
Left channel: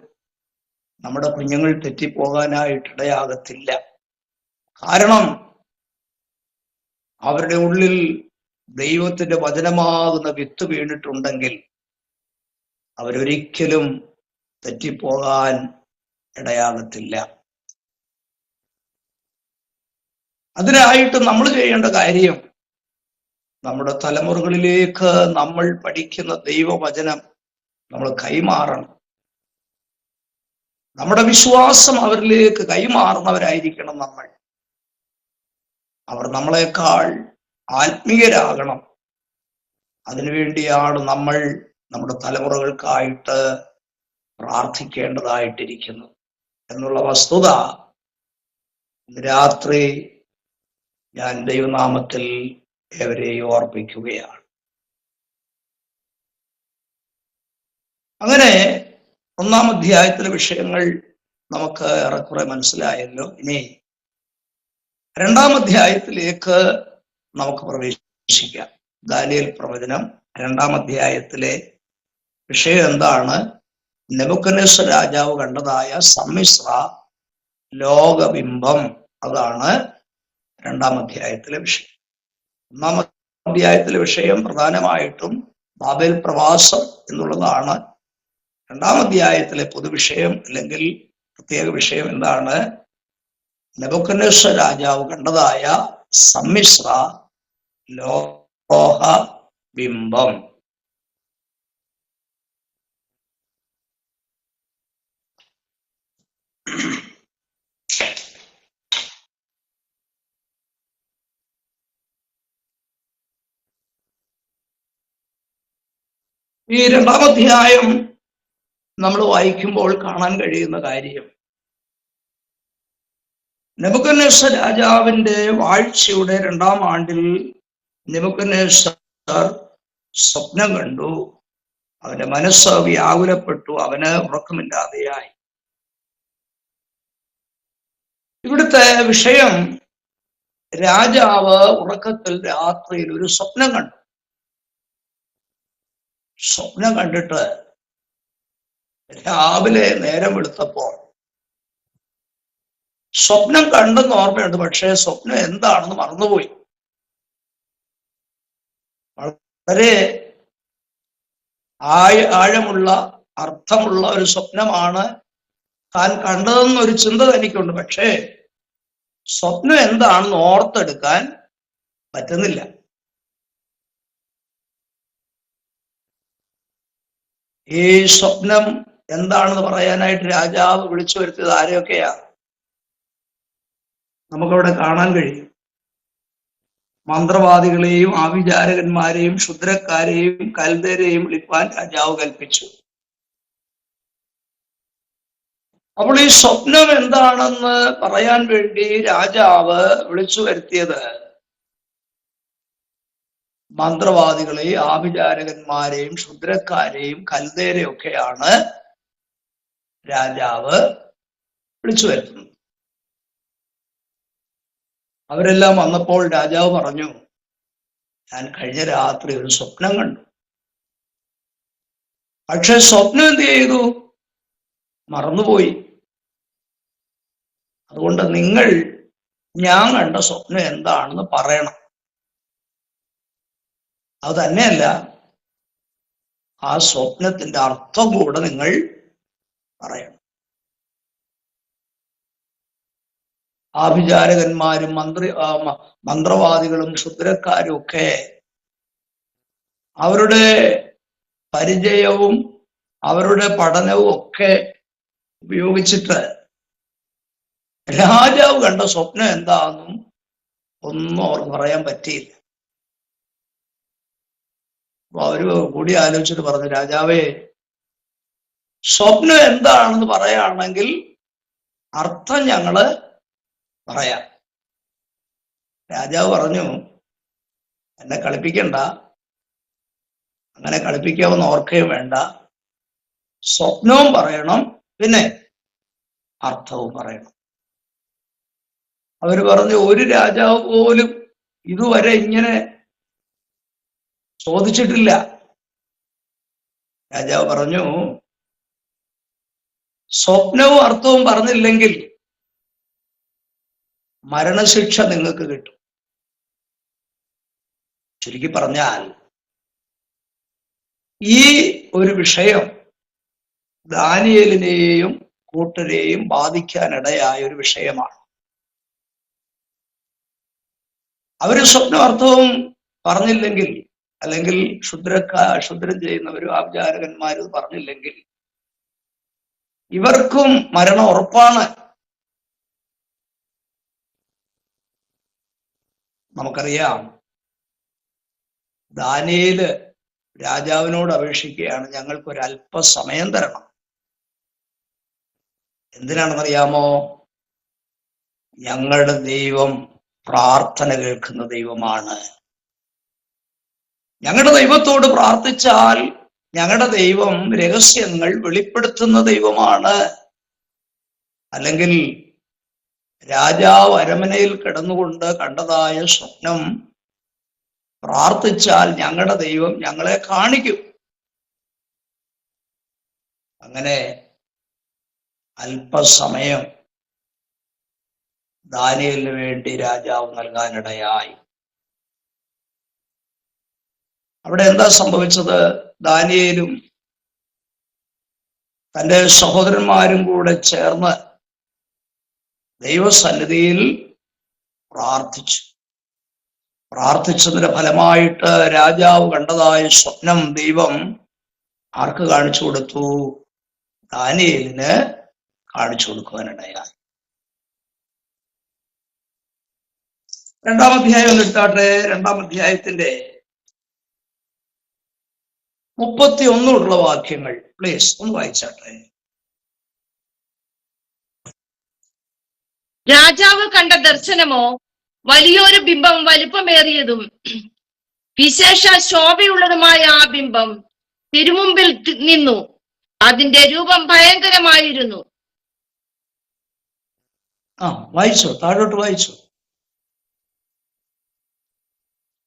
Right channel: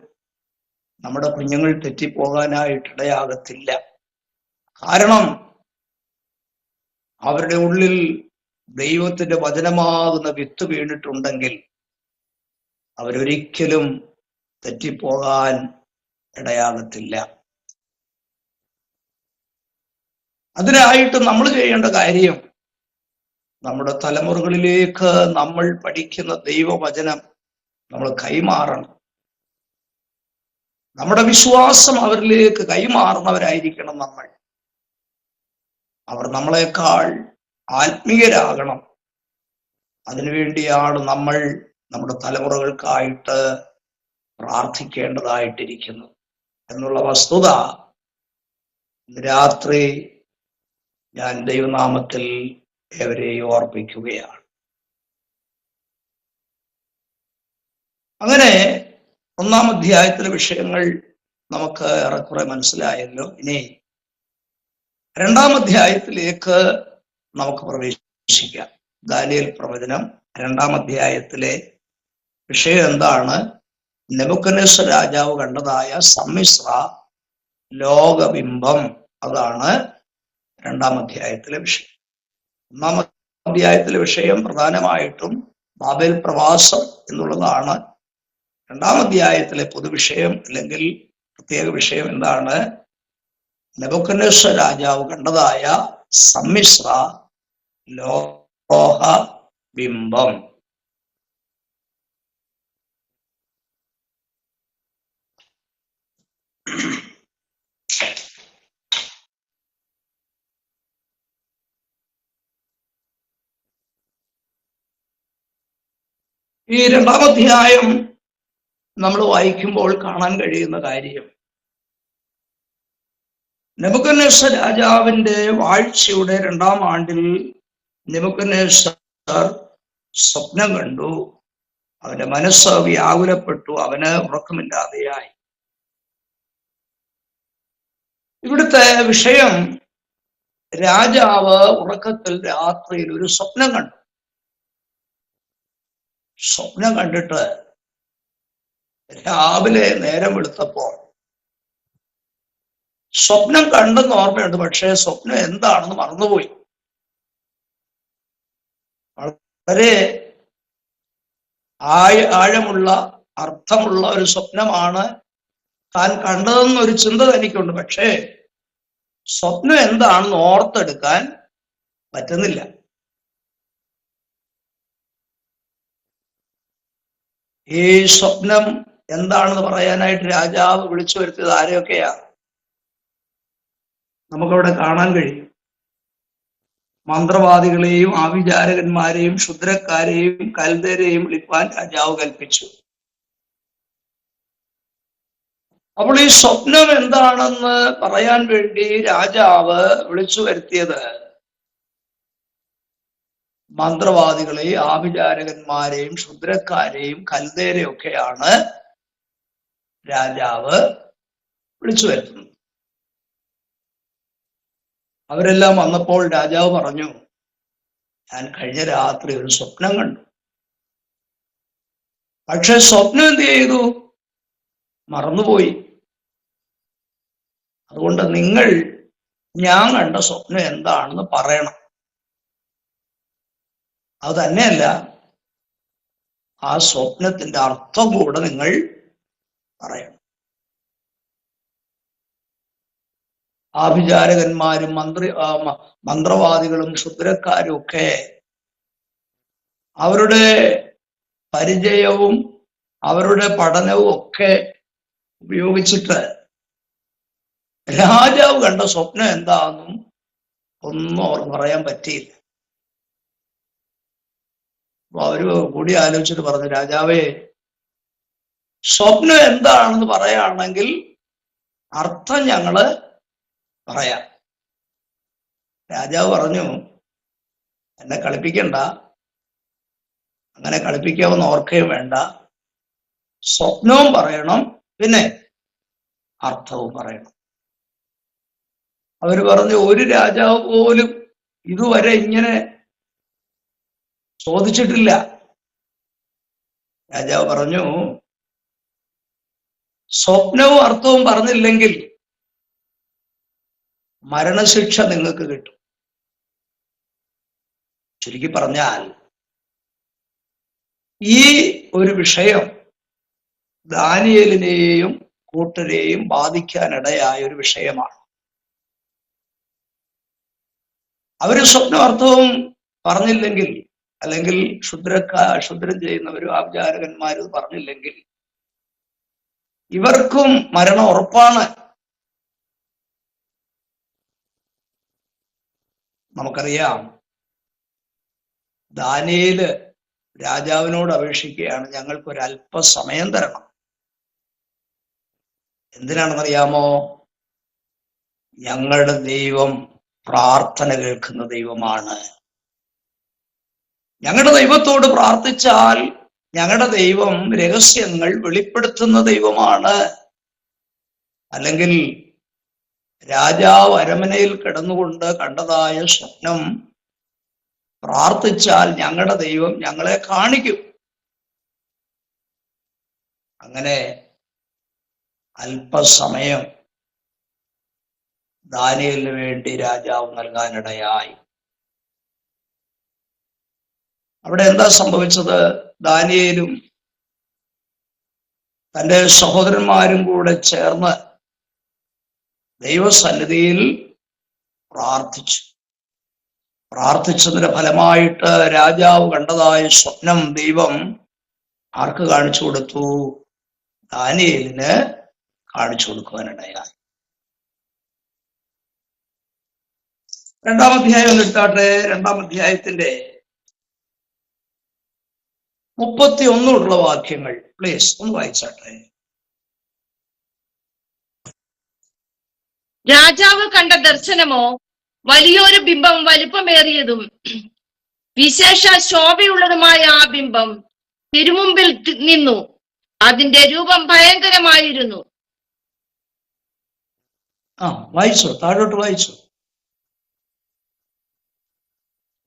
നമ്മുടെ കുഞ്ഞുങ്ങൾ തെറ്റിപ്പോകാനായിട്ടിടയാകത്തില്ല. കാരണം അവരുടെ ഉള്ളിൽ ദൈവത്തിന്റെ വചനമാകുന്ന വിത്ത് വീണിട്ടുണ്ടെങ്കിൽ അവരൊരിക്കലും തെറ്റിപ്പോകാൻ ഇടയാകത്തില്ല. അതിനായിട്ട് നമ്മൾ ചെയ്യേണ്ട കാര്യം, നമ്മുടെ തലമുറകളിലേക്ക് നമ്മൾ പഠിക്കുന്ന ദൈവവചനം നമ്മൾ കൈമാറണം. നമ്മുടെ വിശ്വാസം അവരിലേക്ക് കൈമാറുന്നവരായിരിക്കണം നമ്മൾ. അവർ നമ്മളെക്കാൾ ആത്മീയരാകണം. അതിനുവേണ്ടിയാണ് നമ്മൾ നമ്മുടെ തലമുറകൾക്കായിട്ട് പ്രാർത്ഥിക്കേണ്ടതായിട്ടിരിക്കുന്നത് എന്നുള്ള വസ്തുത ഇന്ന് രാത്രി ഞാൻ ദൈവനാമത്തിൽ ഏവരെയും ഓർപ്പിക്കുകയാണ്. അങ്ങനെ 1-ാം അധ്യായത്തിലെ വിഷയങ്ങൾ നമുക്ക് ഏറെക്കുറെ മനസ്സിലായല്ലോ. ഇനി 2-ാം അധ്യായത്തിലേക്ക് നമുക്ക് പ്രവേശിക്കാം. ദാനിയേൽ പ്രവചനം 2-ാം അധ്യായത്തിലെ വിഷയം എന്താണ്? നെബൂഖദ്നേസർ രാജാവ് കണ്ടതായ സമ്മിശ്ര ലോകബിംബം. അതാണ് 2-ാം അധ്യായത്തിലെ വിഷയം. 1-ാം അധ്യായത്തിലെ വിഷയം പ്രധാനമായിട്ടും ബാബേൽ പ്രവാസം എന്നുള്ളതാണ്. 2-ാം അധ്യായത്തിലെ പൊതുവിഷയം അല്ലെങ്കിൽ പ്രത്യേക വിഷയം എന്താണ്? നെബൂഖദ്നേസർ രാജാവ് കണ്ടതായ സമ്മിശ്ര ലോക ബിംബം. ഈ 2-ാം അധ്യായം നമ്മൾ വായിക്കുമ്പോൾ കാണാൻ കഴിയുന്ന കാര്യം, നെബൂഖദ്നേസർ രാജാവിന്റെ വാഴ്ചയുടെ 2-ാം ആണ്ടിൽ നെബൂഖദ്നേസർ സ്വപ്നം കണ്ടു. അവന്റെ മനസ്സ് വ്യാകുലപ്പെട്ടു, അവന് ഉറക്കമില്ലാതെയായി. ഇവിടുത്തെ വിഷയം, രാജാവ് ഉറക്കത്തിൽ രാത്രിയിൽ ഒരു സ്വപ്നം കണ്ടു. സ്വപ്നം കണ്ടിട്ട് രാവിലെ നേരം വെളുത്തപ്പോൾ സ്വപ്നം കണ്ടെന്ന് ഓർമ്മയുണ്ട്, പക്ഷേ സ്വപ്നം എന്താണെന്ന് മറന്നുപോയി. വളരെ ആഴമുള്ള അർത്ഥമുള്ള ഒരു സ്വപ്നമാണ് താൻ കണ്ടതെന്നൊരു ചിന്ത തനിക്കുണ്ട്, പക്ഷേ സ്വപ്നം എന്താണെന്ന് ഓർത്തെടുക്കാൻ പറ്റുന്നില്ല. ഈ സ്വപ്നം എന്താണെന്ന് പറയാനായിട്ട് രാജാവ് വിളിച്ചു വരുത്തിയത് ആരെയൊക്കെയാ നമുക്കവിടെ കാണാൻ കഴിയും. മന്ത്രവാദികളെയും ആഭിചാരകന്മാരെയും ക്ഷുദ്രക്കാരെയും കൽദരെയും വിളിപ്പാൻ രാജാവ് കൽപ്പിച്ചു. അപ്പോൾ ഈ സ്വപ്നം എന്താണെന്ന് പറയാൻ വേണ്ടി രാജാവ് വിളിച്ചു വരുത്തിയത് മന്ത്രവാദികളെയും ആഭിചാരകന്മാരെയും ക്ഷുദ്രക്കാരെയും കൽദരെയും ഒക്കെയാണ് രാജാവ് വിളിച്ചു വരുത്തുന്നത്. അവരെല്ലാം വന്നപ്പോൾ രാജാവ് പറഞ്ഞു, ഞാൻ കഴിഞ്ഞ രാത്രി ഒരു സ്വപ്നം കണ്ടു. പക്ഷെ സ്വപ്നം എന്ത് ചെയ്തു? മറന്നുപോയി. അതുകൊണ്ട് നിങ്ങൾ ഞാൻ കണ്ട സ്വപ്നം എന്താണെന്ന് പറയണം. അത് തന്നെയല്ല, ആ സ്വപ്നത്തിന്റെ അർത്ഥം കൂടെ നിങ്ങൾ പറയണം. ആഭിചാരകന്മാരും മന്ത്രവാദികളും ക്ഷുദ്രക്കാരും ഒക്കെ അവരുടെ പരിചയവും അവരുടെ പഠനവും ഒക്കെ ഉപയോഗിച്ചിട്ട് രാജാവ് കണ്ട സ്വപ്നം എന്താണെന്നും ഒന്നും അവർ പറയാൻ പറ്റിയില്ല. അപ്പൊ അവര് കൂടി ആലോചിച്ചിട്ട് പറഞ്ഞു, രാജാവേ, സ്വപ്നം എന്താണെന്ന് പറയുകയാണെങ്കിൽ അർത്ഥം ഞങ്ങള് പറയാം. രാജാവ് പറഞ്ഞു, എന്നെ കളിപ്പിക്കണ്ട, അങ്ങനെ കളിപ്പിക്കാവുന്ന ഓർക്കുകയും വേണ്ട. സ്വപ്നവും പറയണം, പിന്നെ അർത്ഥവും പറയണം. അവര് പറഞ്ഞു, ഒരു രാജാവ് പോലും ഇതുവരെ ഇങ്ങനെ ചോദിച്ചിട്ടില്ല. രാജാവ് പറഞ്ഞു, സ്വപ്നവും അർത്ഥവും പറഞ്ഞില്ലെങ്കിൽ മരണശിക്ഷ നിങ്ങൾക്ക് കിട്ടും. ചുരുക്കി പറഞ്ഞാൽ ഈ ഒരു വിഷയം ദാനിയേലിനെയും കൂട്ടരെയും ബാധിക്കാനിടയായ ഒരു വിഷയമാണ്. അവര് സ്വപ്നാർത്ഥവും പറഞ്ഞില്ലെങ്കിൽ, അല്ലെങ്കിൽ ക്ഷുദ്രം ചെയ്യുന്നവരും ആഭിചാരകന്മാരും പറഞ്ഞില്ലെങ്കിൽ ഇവർക്കും മരണം ഉറപ്പാണ്. നമുക്കറിയാം, ദാനിയേല് രാജാവിനോട് അപേക്ഷിക്കുകയാണ്, ഞങ്ങൾക്കൊരു അല്പസമയം തരണം. എന്തിനാണെന്നറിയാമോ? ഞങ്ങളുടെ ദൈവം പ്രാർത്ഥന കേൾക്കുന്ന ദൈവമാണ്. ഞങ്ങളുടെ ദൈവത്തോട് പ്രാർത്ഥിച്ചാൽ ഞങ്ങളുടെ ദൈവം രഹസ്യങ്ങൾ വെളിപ്പെടുത്തുന്ന ദൈവമാണ്. അല്ലെങ്കിൽ രാജാവ് അരമനയിൽ കിടന്നുകൊണ്ട് കണ്ടതായ സ്വപ്നം പ്രാർത്ഥിച്ചാൽ ഞങ്ങളുടെ ദൈവം ഞങ്ങളെ കാണിക്കും. അങ്ങനെ അല്പസമയം ദാനിയേലിന് വേണ്ടി രാജാവ് നൽകാനിടയായി. അവിടെ എന്താ സംഭവിച്ചത്? ദാനിയേലും തന്റെ സഹോദരന്മാരും കൂടെ ചേർന്ന് ദൈവസന്നിധിയിൽ പ്രാർത്ഥിച്ചതിന്റെ ഫലമായിട്ട് രാജാവ് കണ്ടതായ സ്വപ്നം ദൈവം ആർക്ക് കാണിച്ചു കൊടുത്തു? ദാനിയേലിന് കാണിച്ചു കൊടുക്കുവാനിടയായി. 2-ാം അധ്യായം എടുത്താട്ടെ. 2-ാം അധ്യായത്തിന്റെ 31 വാക്യങ്ങൾ പ്ലീസ് ഒന്ന് വായിച്ചാട്ടെ. രാജാവ് കണ്ട ദർശനമോ വലിയൊരു ബിംബം വലിപ്പമേറിയതും വിശേഷ ശോഭയുള്ളതുമായ ആ ബിംബം തിരുമുമ്പിൽ നിന്നു. അതിന്റെ രൂപം ഭയങ്കരമായിരുന്നു. വായിച്ചോ, താഴോട്ട് വായിച്ചോ.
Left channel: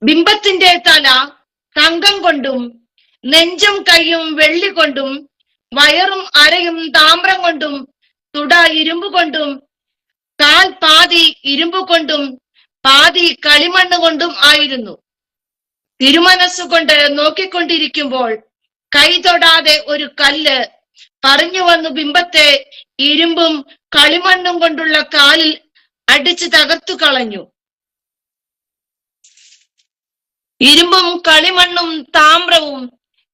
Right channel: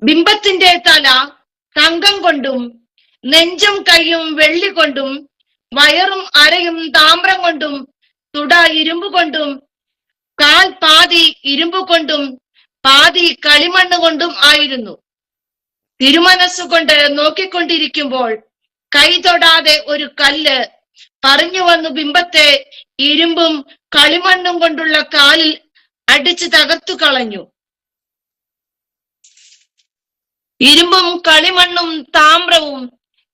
ബിംബത്തിന്റെ തല തങ്കം കൊണ്ടും നെഞ്ചും കൈയും വെള്ളി കൊണ്ടും വയറും അരയും താമ്രം കൊണ്ടും തുട ഇരുമ്പ് കൊണ്ടും കാൽ പാതി ഇരുമ്പ് കൊണ്ടും പാതി കളിമണ്ണ് കൊണ്ടും ആയിരുന്നു. തിരുമനസ്സുകൊണ്ട് നോക്കിക്കൊണ്ടിരിക്കുമ്പോൾ കൈ തൊടാതെ ഒരു കല്ല് പറഞ്ഞു വന്നു ബിംബത്തെ ഇരുമ്പും കളിമണ്ണും കൊണ്ടുള്ള കാലിൽ അടിച്ച് തകർത്തു കളഞ്ഞു. ഇരുമ്പും കളിമണ്ണും താമ്രവും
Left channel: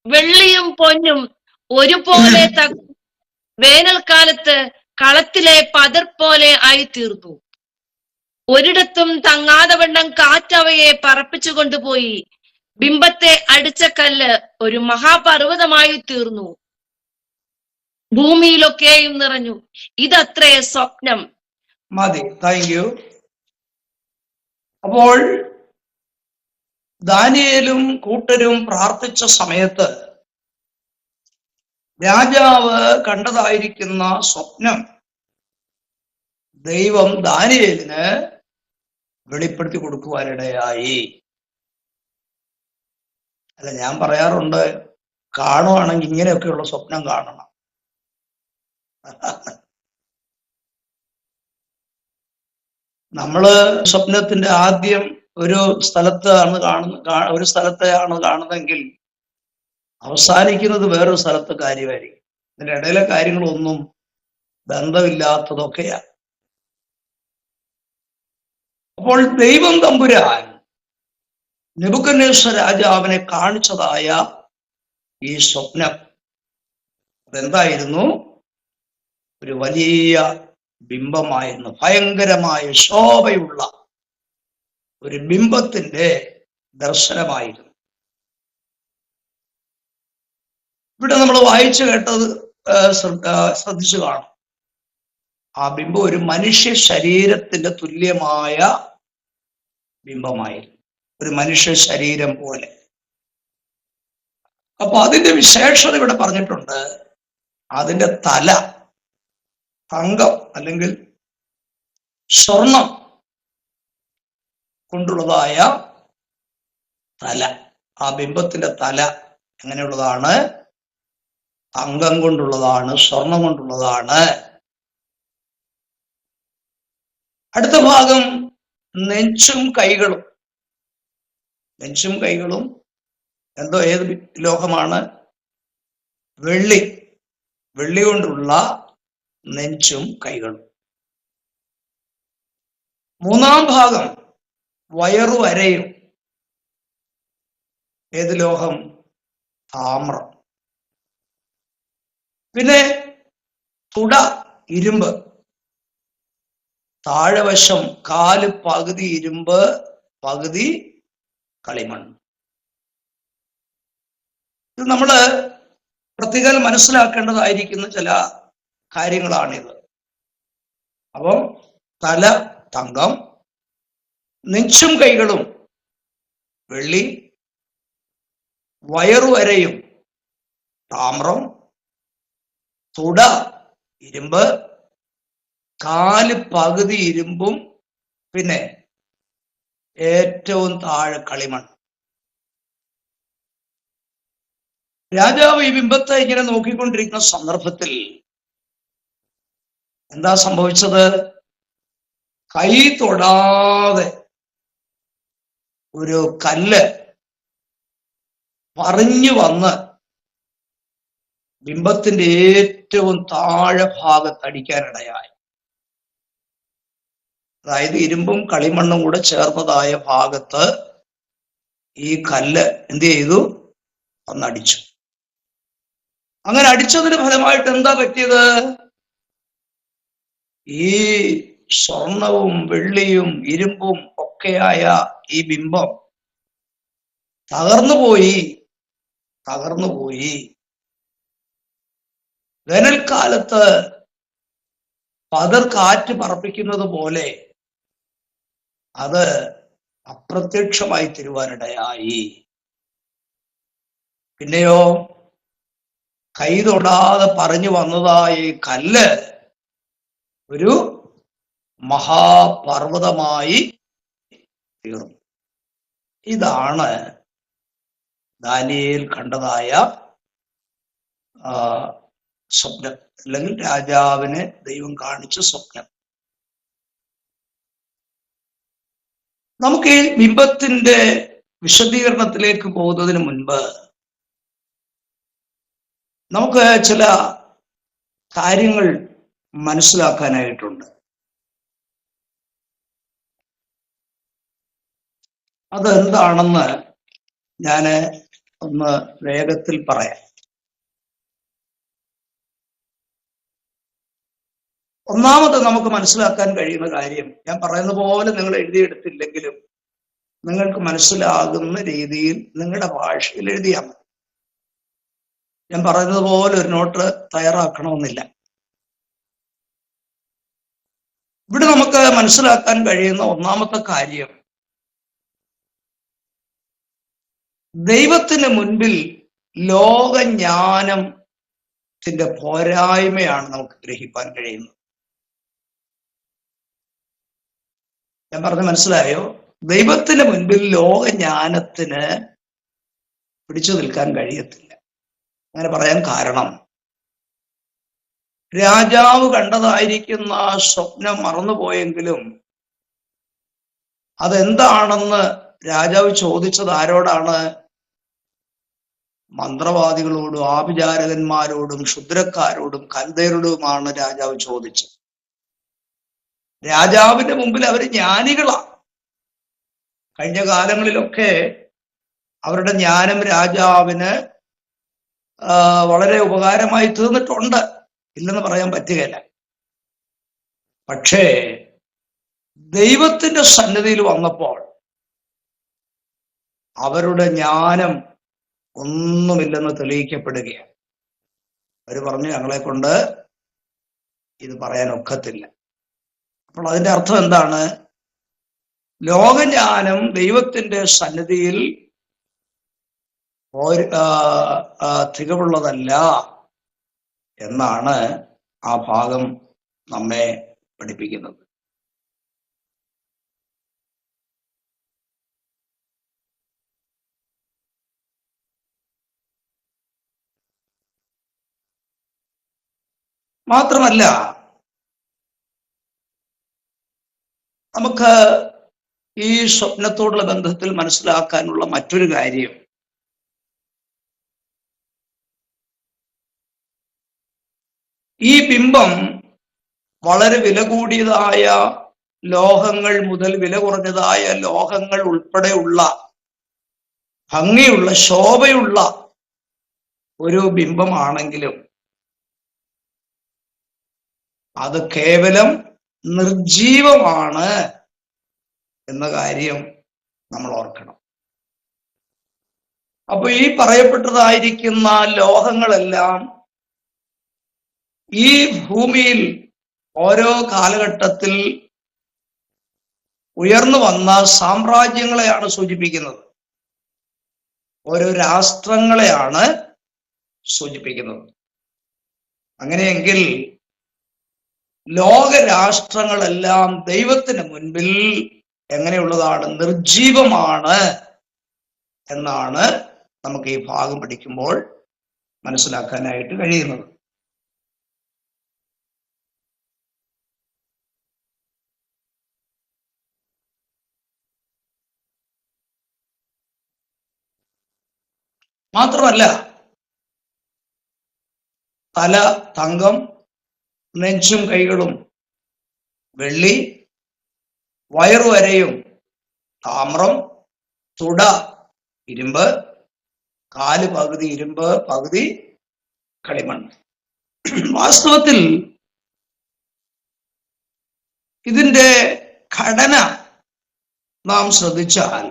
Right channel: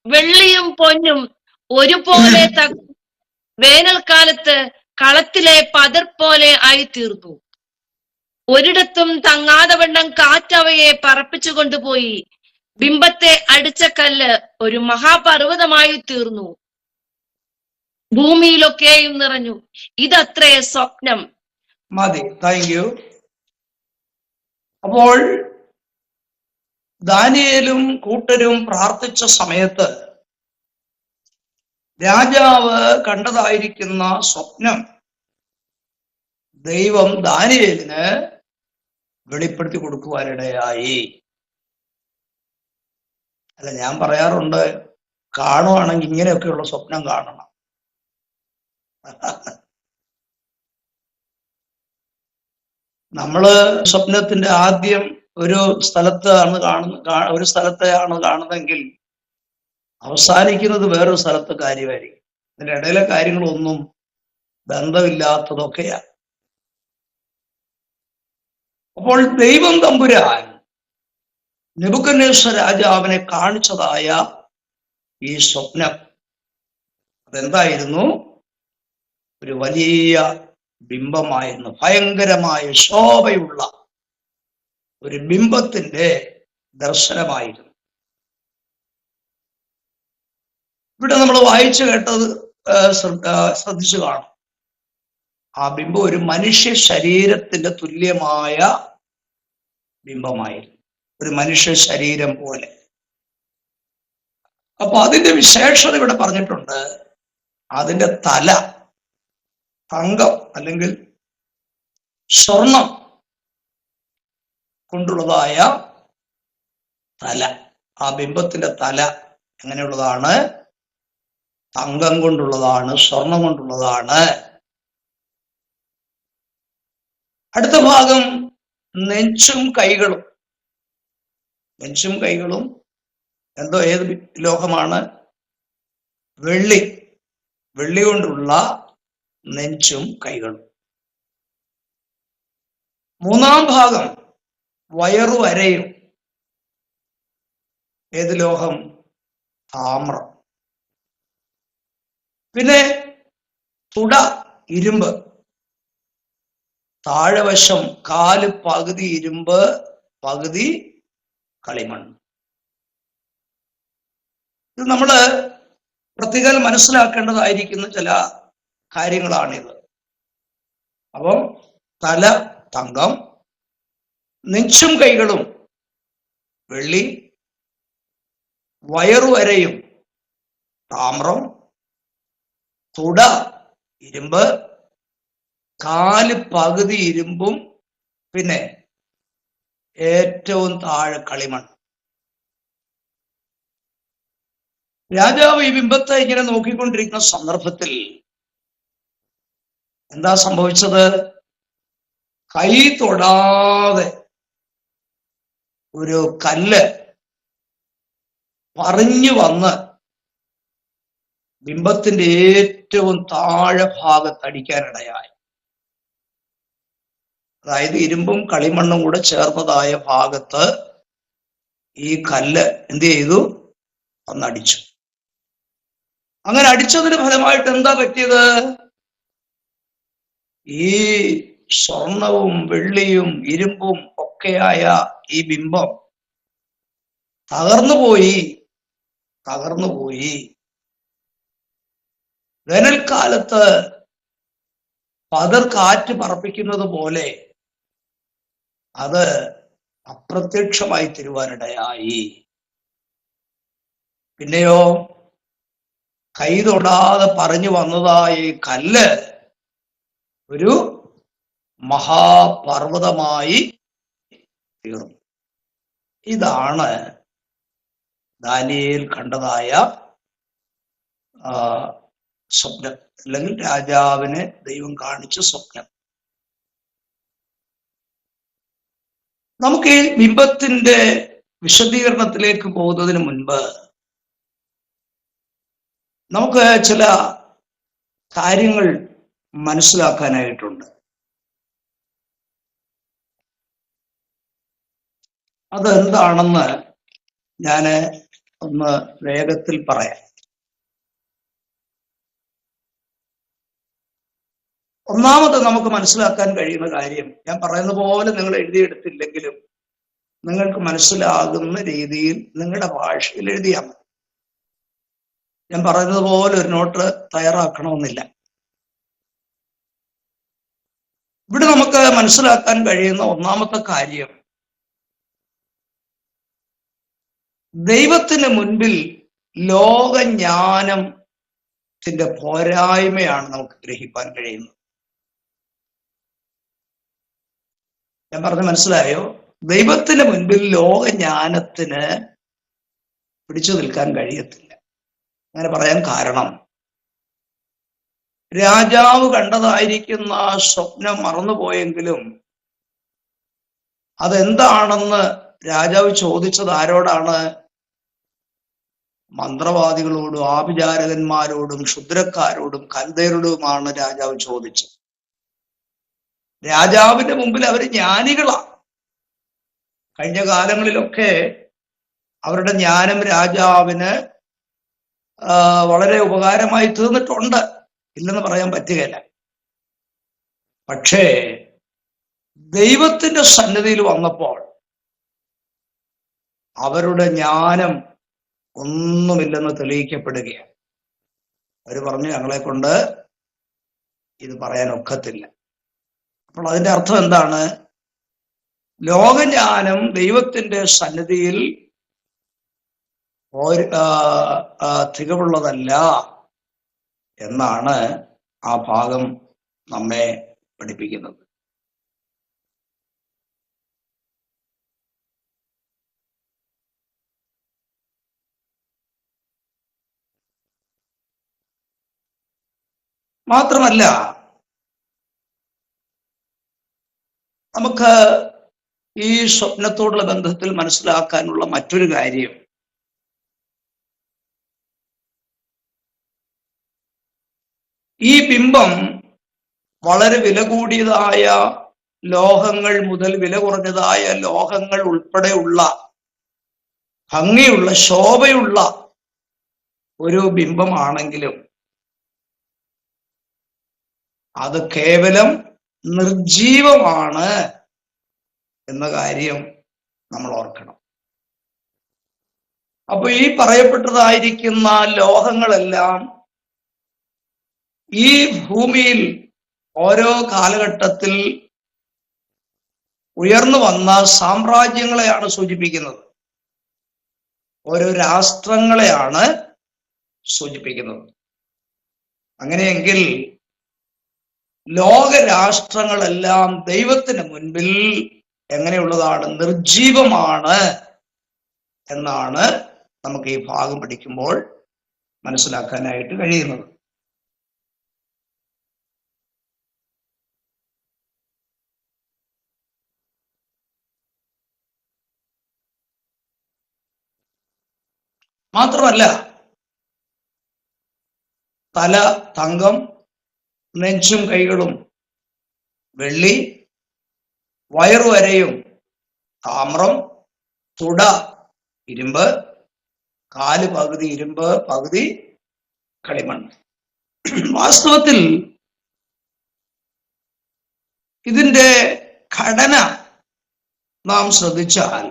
വെള്ളിയും പൊന്നും ഒരുപോലെ വേനൽക്കാലത്ത് കളത്തിലെ പതിർ പോലെ ആയിത്തീർന്നു. ഒരിടത്തും തങ്ങാതെ വണ്ണം കാറ്റവയെ പറപ്പിച്ചു കൊണ്ടുപോയി. ബിംബത്തെ അടിച്ച കല്ല് ഒരു മഹാപർവ്വതമായി തീർന്നു. ഭൂമിയിലൊക്കെയും നിറഞ്ഞു. ഇതത്രേ സ്വപ്നം. മതി. Thank you. അപ്പോൾ ദാനിയേലും കൂട്ടരും പ്രാർത്ഥിച്ച സമയത്ത് രാജാവ് കണ്ടതായിരിക്കുന്ന സ്വപ്നം ദൈവം ദാനിയേലിന് വെളിപ്പെടുത്തി കൊടുക്കുവാനിടയായി. അല്ല, ഞാൻ പറയാറുണ്ട്, കാണുവാണെങ്കിൽ ഇങ്ങനെയൊക്കെയുള്ള സ്വപ്നം കാണണം. നമ്മള് സ്വപ്നത്തിന്റെ ആദ്യം ഒരു സ്ഥലത്താണ് കാണുന്നതെങ്കിൽ അവസാനിക്കുന്നത് വേറൊരു സ്ഥലത്തെ കാര്യമായിരിക്കും. ഇതിന്റെ ഇടയിലെ കാര്യങ്ങളൊന്നും ബന്ധമില്ലാത്തതൊക്കെയാണ്. അപ്പോൾ ദൈവം തമ്പുരാൻ നെബൂഖദ്നേസർ രാജാവിനെ കാണിച്ചതായ ഈ സ്വപ്നം അതെന്തായിരുന്നു? ഒരു വലിയ ബിംബമായിരുന്നു. ഭയങ്കരമായ ശോഭയുള്ള ഒരു ബിംബത്തിന്റെ ദർശനമായിരുന്നു. ഇവിടെ നമ്മൾ വായിച്ചു കേട്ടത് ശ്രദ്ധിച്ചു കാണും. ആ ബിംബം ഒരു മനുഷ്യ ശരീരത്തിന്റെ തുല്യമായ ബിംബമായിരുന്നു. ഒരു മനുഷ്യ ശരീരം പോലെ. അപ്പൊ അതിന്റെ വിശേഷത ഇവിടെ പറഞ്ഞിട്ടുണ്ട്. അതിന്റെ തല തങ്കം അല്ലെങ്കിൽ സ്വർണം കൊണ്ടുള്ളതായ തല. ആ ബിംബത്തിന്റെ തല എങ്ങനെയുള്ളതാണ്? തങ്കം കൊണ്ടുള്ളതാണ്, സ്വർണം കൊണ്ടുള്ളതാണ്. അടുത്ത ഭാഗം നെഞ്ചും കൈകളും. നെഞ്ചും കൈകളും ഏത് ലോഹമാണ്? വെള്ളി. വെള്ളി കൊണ്ടുള്ള നെഞ്ചും കൈകളും. മൂന്നാം ഭാഗം വയറുവരയും. ഏത് ലോഹം? താമ്രം. പിന്നെ തുട ഇരുമ്പ്. താഴെവശം കാല് പകുതി ഇരുമ്പ് പകുതി കളിമണ്ണ്. ഇത് നമ്മള് പ്രത്യേകം മനസ്സിലാക്കേണ്ടതായിരിക്കുന്ന ചില കാര്യങ്ങളാണിത്. അപ്പം തല തങ്കം, നെഞ്ചും കൈകളും വെള്ളി, വയറുവരയും താമ്രം, തുട ഇരുമ്പ്, കാല് പകുതി ഇരുമ്പും പിന്നെ ഏറ്റവും താഴെ കളിമണ്ണ്. രാജാവ് ഈ ബിംബത്തെ ഇങ്ങനെ നോക്കിക്കൊണ്ടിരിക്കുന്ന സന്ദർഭത്തിൽ എന്താ സംഭവിച്ചത്? കൈ തൊടാതെ ഒരു കല്ല് പറഞ്ഞു വന്ന് ബിംബത്തിന്റെ ഏറ്റവും താഴെ ഭാഗത്ത് അടിക്കാനിടയായി. അതായത് ഇരുമ്പും കളിമണ്ണും കൂടെ ചേർന്നതായ ഭാഗത്ത് ഈ കല്ല് എന്ത് ചെയ്തു? ഒന്നടിച്ചു. അങ്ങനെ അടിച്ചതിന് ഫലമായിട്ട് എന്താ പറ്റിയത്? ഈ സ്വർണവും വെള്ളിയും ഇരുമ്പും ഒക്കെയായ ഈ ബിംബം തകർന്നുപോയി. വേനൽക്കാലത്ത് പതർ കാറ്റ് പറപ്പിക്കുന്നത് പോലെ അത് അപ്രത്യക്ഷമായി തീരുവാനിടയായി. പിന്നെയോ കൈ തൊടാതെ പറഞ്ഞു വന്നതായ കല്ല് ഒരു മഹാപർവ്വതമായി തീർന്നു. ഇതാണ് ദാനിയേൽ കണ്ടതായ സ്വപ്നം, അല്ലെങ്കിൽ രാജാവിന് ദൈവം കാണിച്ച സ്വപ്നം. നമുക്ക് ഈ ബിംബത്തിന്റെ വിശദീകരണത്തിലേക്ക് പോകുന്നതിന് മുൻപ് നമുക്ക് ചില കാര്യങ്ങൾ മനസ്സിലാക്കാനായിട്ടുണ്ട്. അതെന്താണെന്ന് ഞാൻ ഒന്ന് വേഗത്തിൽ പറയാം. ഒന്നാമത് നമുക്ക് മനസ്സിലാക്കാൻ കഴിയുന്ന കാര്യം, ഞാൻ പറയുന്ന പോലെ നിങ്ങൾ എഴുതിയെടുത്തില്ലെങ്കിലും നിങ്ങൾക്ക് മനസ്സിലാകുന്ന രീതിയിൽ നിങ്ങളുടെ ഭാഷയിൽ എഴുതിയാൽ മതി. ഞാൻ പറയുന്നത് പോലെ ഒരു നോട്ട് തയ്യാറാക്കണമെന്നില്ല. ഇവിടെ നമുക്ക് മനസ്സിലാക്കാൻ കഴിയുന്ന ഒന്നാമത്തെ കാര്യം, ദൈവത്തിന് മുൻപിൽ ലോകജ്ഞാനത്തിന്റെ പോരായ്മയാണ് നമുക്ക് ഗ്രഹിക്കാൻ കഴിയുന്നത്. ഞാൻ പറഞ്ഞ മനസ്സിലായോ? ദൈവത്തിന് മുൻപിൽ ലോകജ്ഞാനത്തിന് പിടിച്ചു നിൽക്കാൻ കഴിയത്തില്ല. അങ്ങനെ പറയാൻ കാരണം, രാജാവ് കണ്ടതായിരിക്കുന്ന സ്വപ്നം മറന്നുപോയെങ്കിലും അതെന്താണെന്ന് രാജാവ് ചോദിച്ചത് ആരോടാണ്? മന്ത്രവാദികളോടും ആഭിചാരകന്മാരോടും ക്ഷുദ്രക്കാരോടും കൽദയരോടുമാണ് രാജാവ് ചോദിച്ചത്. രാജാവിന്റെ മുമ്പിൽ അവർ ജ്ഞാനികളാണ്. കഴിഞ്ഞ കാലങ്ങളിലൊക്കെ അവരുടെ ജ്ഞാനം രാജാവിന് വളരെ ഉപകാരമായി തീർന്നിട്ടുണ്ട്, ഇല്ലെന്ന് പറയാൻ പറ്റുകയില്ല. പക്ഷേ ദൈവത്തിന്റെ സന്നിധിയിൽ വന്നപ്പോൾ അവരുടെ ജ്ഞാനം ഒന്നുമില്ലെന്ന് തെളിയിക്കപ്പെടുകയാണ്. അവർ പറഞ്ഞു, ഞങ്ങളെ കൊണ്ട് ഇത് പറയാൻ ഒക്കത്തില്ല. അപ്പോൾ അതിന്റെ അർത്ഥം എന്താണ്? ലോകജ്ഞാനം ദൈവത്തിന്റെ സന്നിധിയിൽ തികവുള്ളതല്ല എന്നാണ് ആ ഭാഗം നമ്മെ പഠിപ്പിക്കുന്നത്. മാത്രമല്ല, നമുക്ക് ഈ സ്വപ്നത്തോടുള്ള ബന്ധത്തിൽ മനസ്സിലാക്കാനുള്ള മറ്റൊരു കാര്യം, ഈ ബിംബം വളരെ വില കൂടിയതായ ലോഹങ്ങൾ മുതൽ വില കുറഞ്ഞതായ ലോഹങ്ങൾ ഉൾപ്പെടെയുള്ള ഭംഗിയുള്ള ശോഭയുള്ള ഒരു ബിംബമാണെങ്കിലും അത് കേവലം നിർജീവമാണ് എന്ന കാര്യം നമ്മൾ ഓർക്കണം. അപ്പൊ ഈ പറയപ്പെട്ടതായിരിക്കുന്ന ലോഹങ്ങളെല്ലാം ഈ ഭൂമിയിൽ ഓരോ കാലഘട്ടത്തിൽ ഉയർന്നു വന്ന സാമ്രാജ്യങ്ങളെയാണ് സൂചിപ്പിക്കുന്നത്, ഓരോ രാഷ്ട്രങ്ങളെയാണ് സൂചിപ്പിക്കുന്നത്. അങ്ങനെയെങ്കിൽ ലോകരാഷ്ട്രങ്ങളെല്ലാം ദൈവത്തിന് മുൻപിൽ എങ്ങനെയുള്ളതാണ്? നിർജീവമാണ് എന്നാണ് നമുക്ക് ഈ ഭാഗം പഠിക്കുമ്പോൾ മനസ്സിലാക്കാനായിട്ട് കഴിയുന്നത്. മാത്രമല്ല, തല തങ്കം, നെഞ്ചും കൈകളും വെള്ളി, വയറുവരയും താമ്രം, തുട ഇരുമ്പ്, കാല് പകുതി ഇരുമ്പ് പകുതി കളിമണ്ണ്. വാസ്തവത്തിൽ ഇതിന്റെ ഘടന നാം ശ്രദ്ധിച്ചാൽ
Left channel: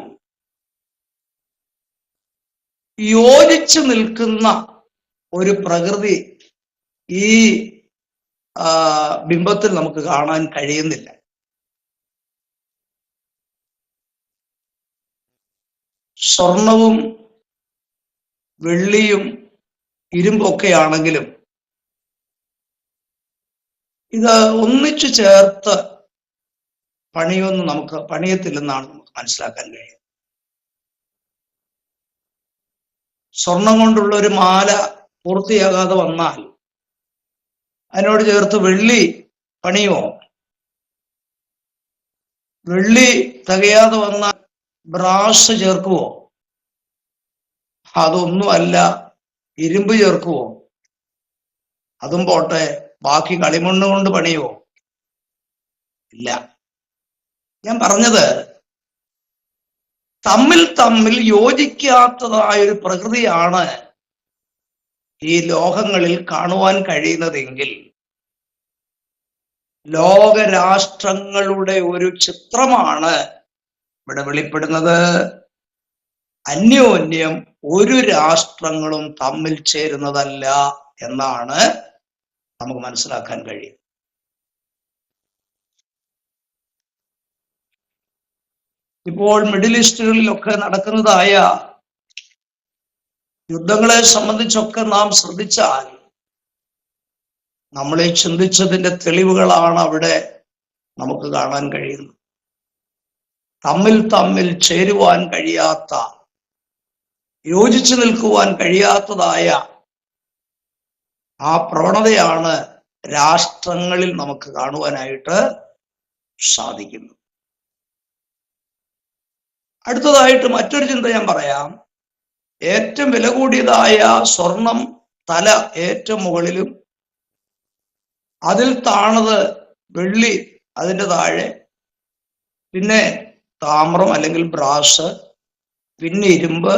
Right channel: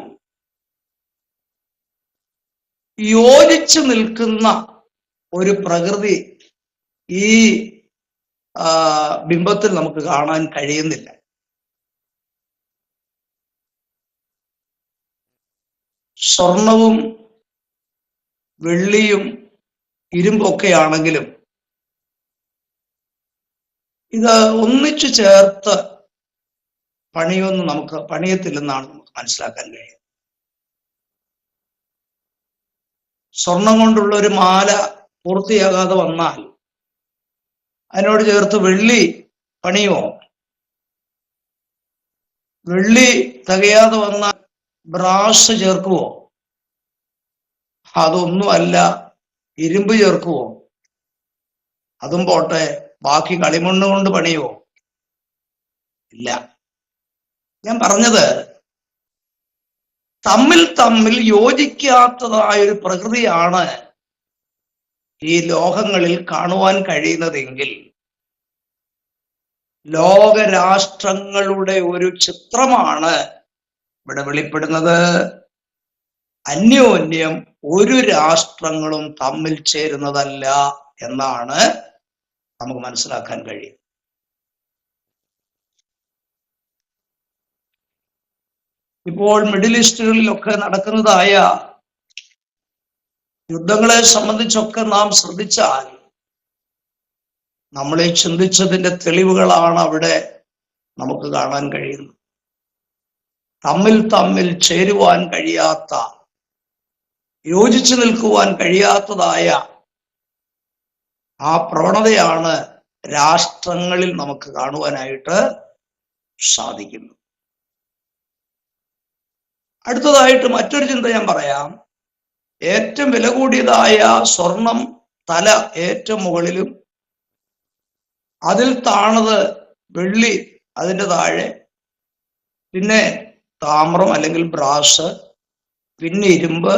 യോജിച്ചു നിൽക്കുന്ന ഒരു പ്രകൃതി ഈ ബിംബത്തിൽ നമുക്ക് കാണാൻ കഴിയുന്നില്ല. സ്വർണവും വെള്ളിയും ഇരുമ്പൊക്കെ ആണെങ്കിലും ഇത് ഒന്നിച്ചു ചേർത്ത് പണിയത്തില്ലെന്നാണ് നമുക്ക് മനസ്സിലാക്കാൻ കഴിയുന്നത്. സ്വർണം കൊണ്ടുള്ള ഒരു മാല പൂർത്തിയാകാതെ വന്നാൽ അതിനോട് ചേർത്ത് വെള്ളി പണിയുമോ? വെള്ളി തികയാതെ വന്നാൽ ബ്രാസ് ചേർക്കുവോ? അതൊന്നുമല്ല. ഇരുമ്പ് ചേർക്കുവോ? അതും പോട്ടെ, ബാക്കി കളിമണ്ണ് കൊണ്ട് പണിയുവോ? ഇല്ല. ഞാൻ പറഞ്ഞത്, തമ്മിൽ യോജിക്കാത്തതായൊരു പ്രകൃതിയാണ് ഈ ലോഹങ്ങളിൽ കാണുവാൻ കഴിയുന്നതെങ്കിൽ ലോകരാഷ്ട്രങ്ങളുടെ ഒരു ചിത്രമാണ് ഇവിടെ വെളിപ്പെടുന്നത്. അന്യോന്യം ഒരു രാഷ്ട്രങ്ങളും തമ്മിൽ ചേരുന്നതല്ല എന്നാണ് നമുക്ക് മനസ്സിലാക്കാൻ കഴിയും. ഇപ്പോൾ മിഡിൽ ഈസ്റ്റുകളിലൊക്കെ നടക്കുന്നതായ യുദ്ധങ്ങളെ സംബന്ധിച്ചൊക്കെ നാം ശ്രദ്ധിച്ചാൽ നമ്മളെ ചിന്തിച്ചതിന്റെ തെളിവുകളാണ് അവിടെ നമുക്ക് കാണാൻ കഴിയുന്നത്. തമ്മിൽ ചേരുവാൻ കഴിയാത്ത, യോജിച്ചു നിൽക്കുവാൻ കഴിയാത്തതായ ആ പ്രവണതയാണ് രാഷ്ട്രങ്ങളിൽ നമുക്ക് കാണുവാനായിട്ട് സാധിക്കുന്നത്. അടുത്തതായിട്ട് മറ്റൊരു ചിന്ത ഞാൻ പറയാം. ഏറ്റവും വില കൂടിയതായ സ്വർണം തല ഏറ്റവും മുകളിലും, അതിൽ താണത് വെള്ളി അതിൻ്റെ താഴെ, പിന്നെ താമ്രം അല്ലെങ്കിൽ ബ്രാസ്, പിന്നെ ഇരുമ്പ്,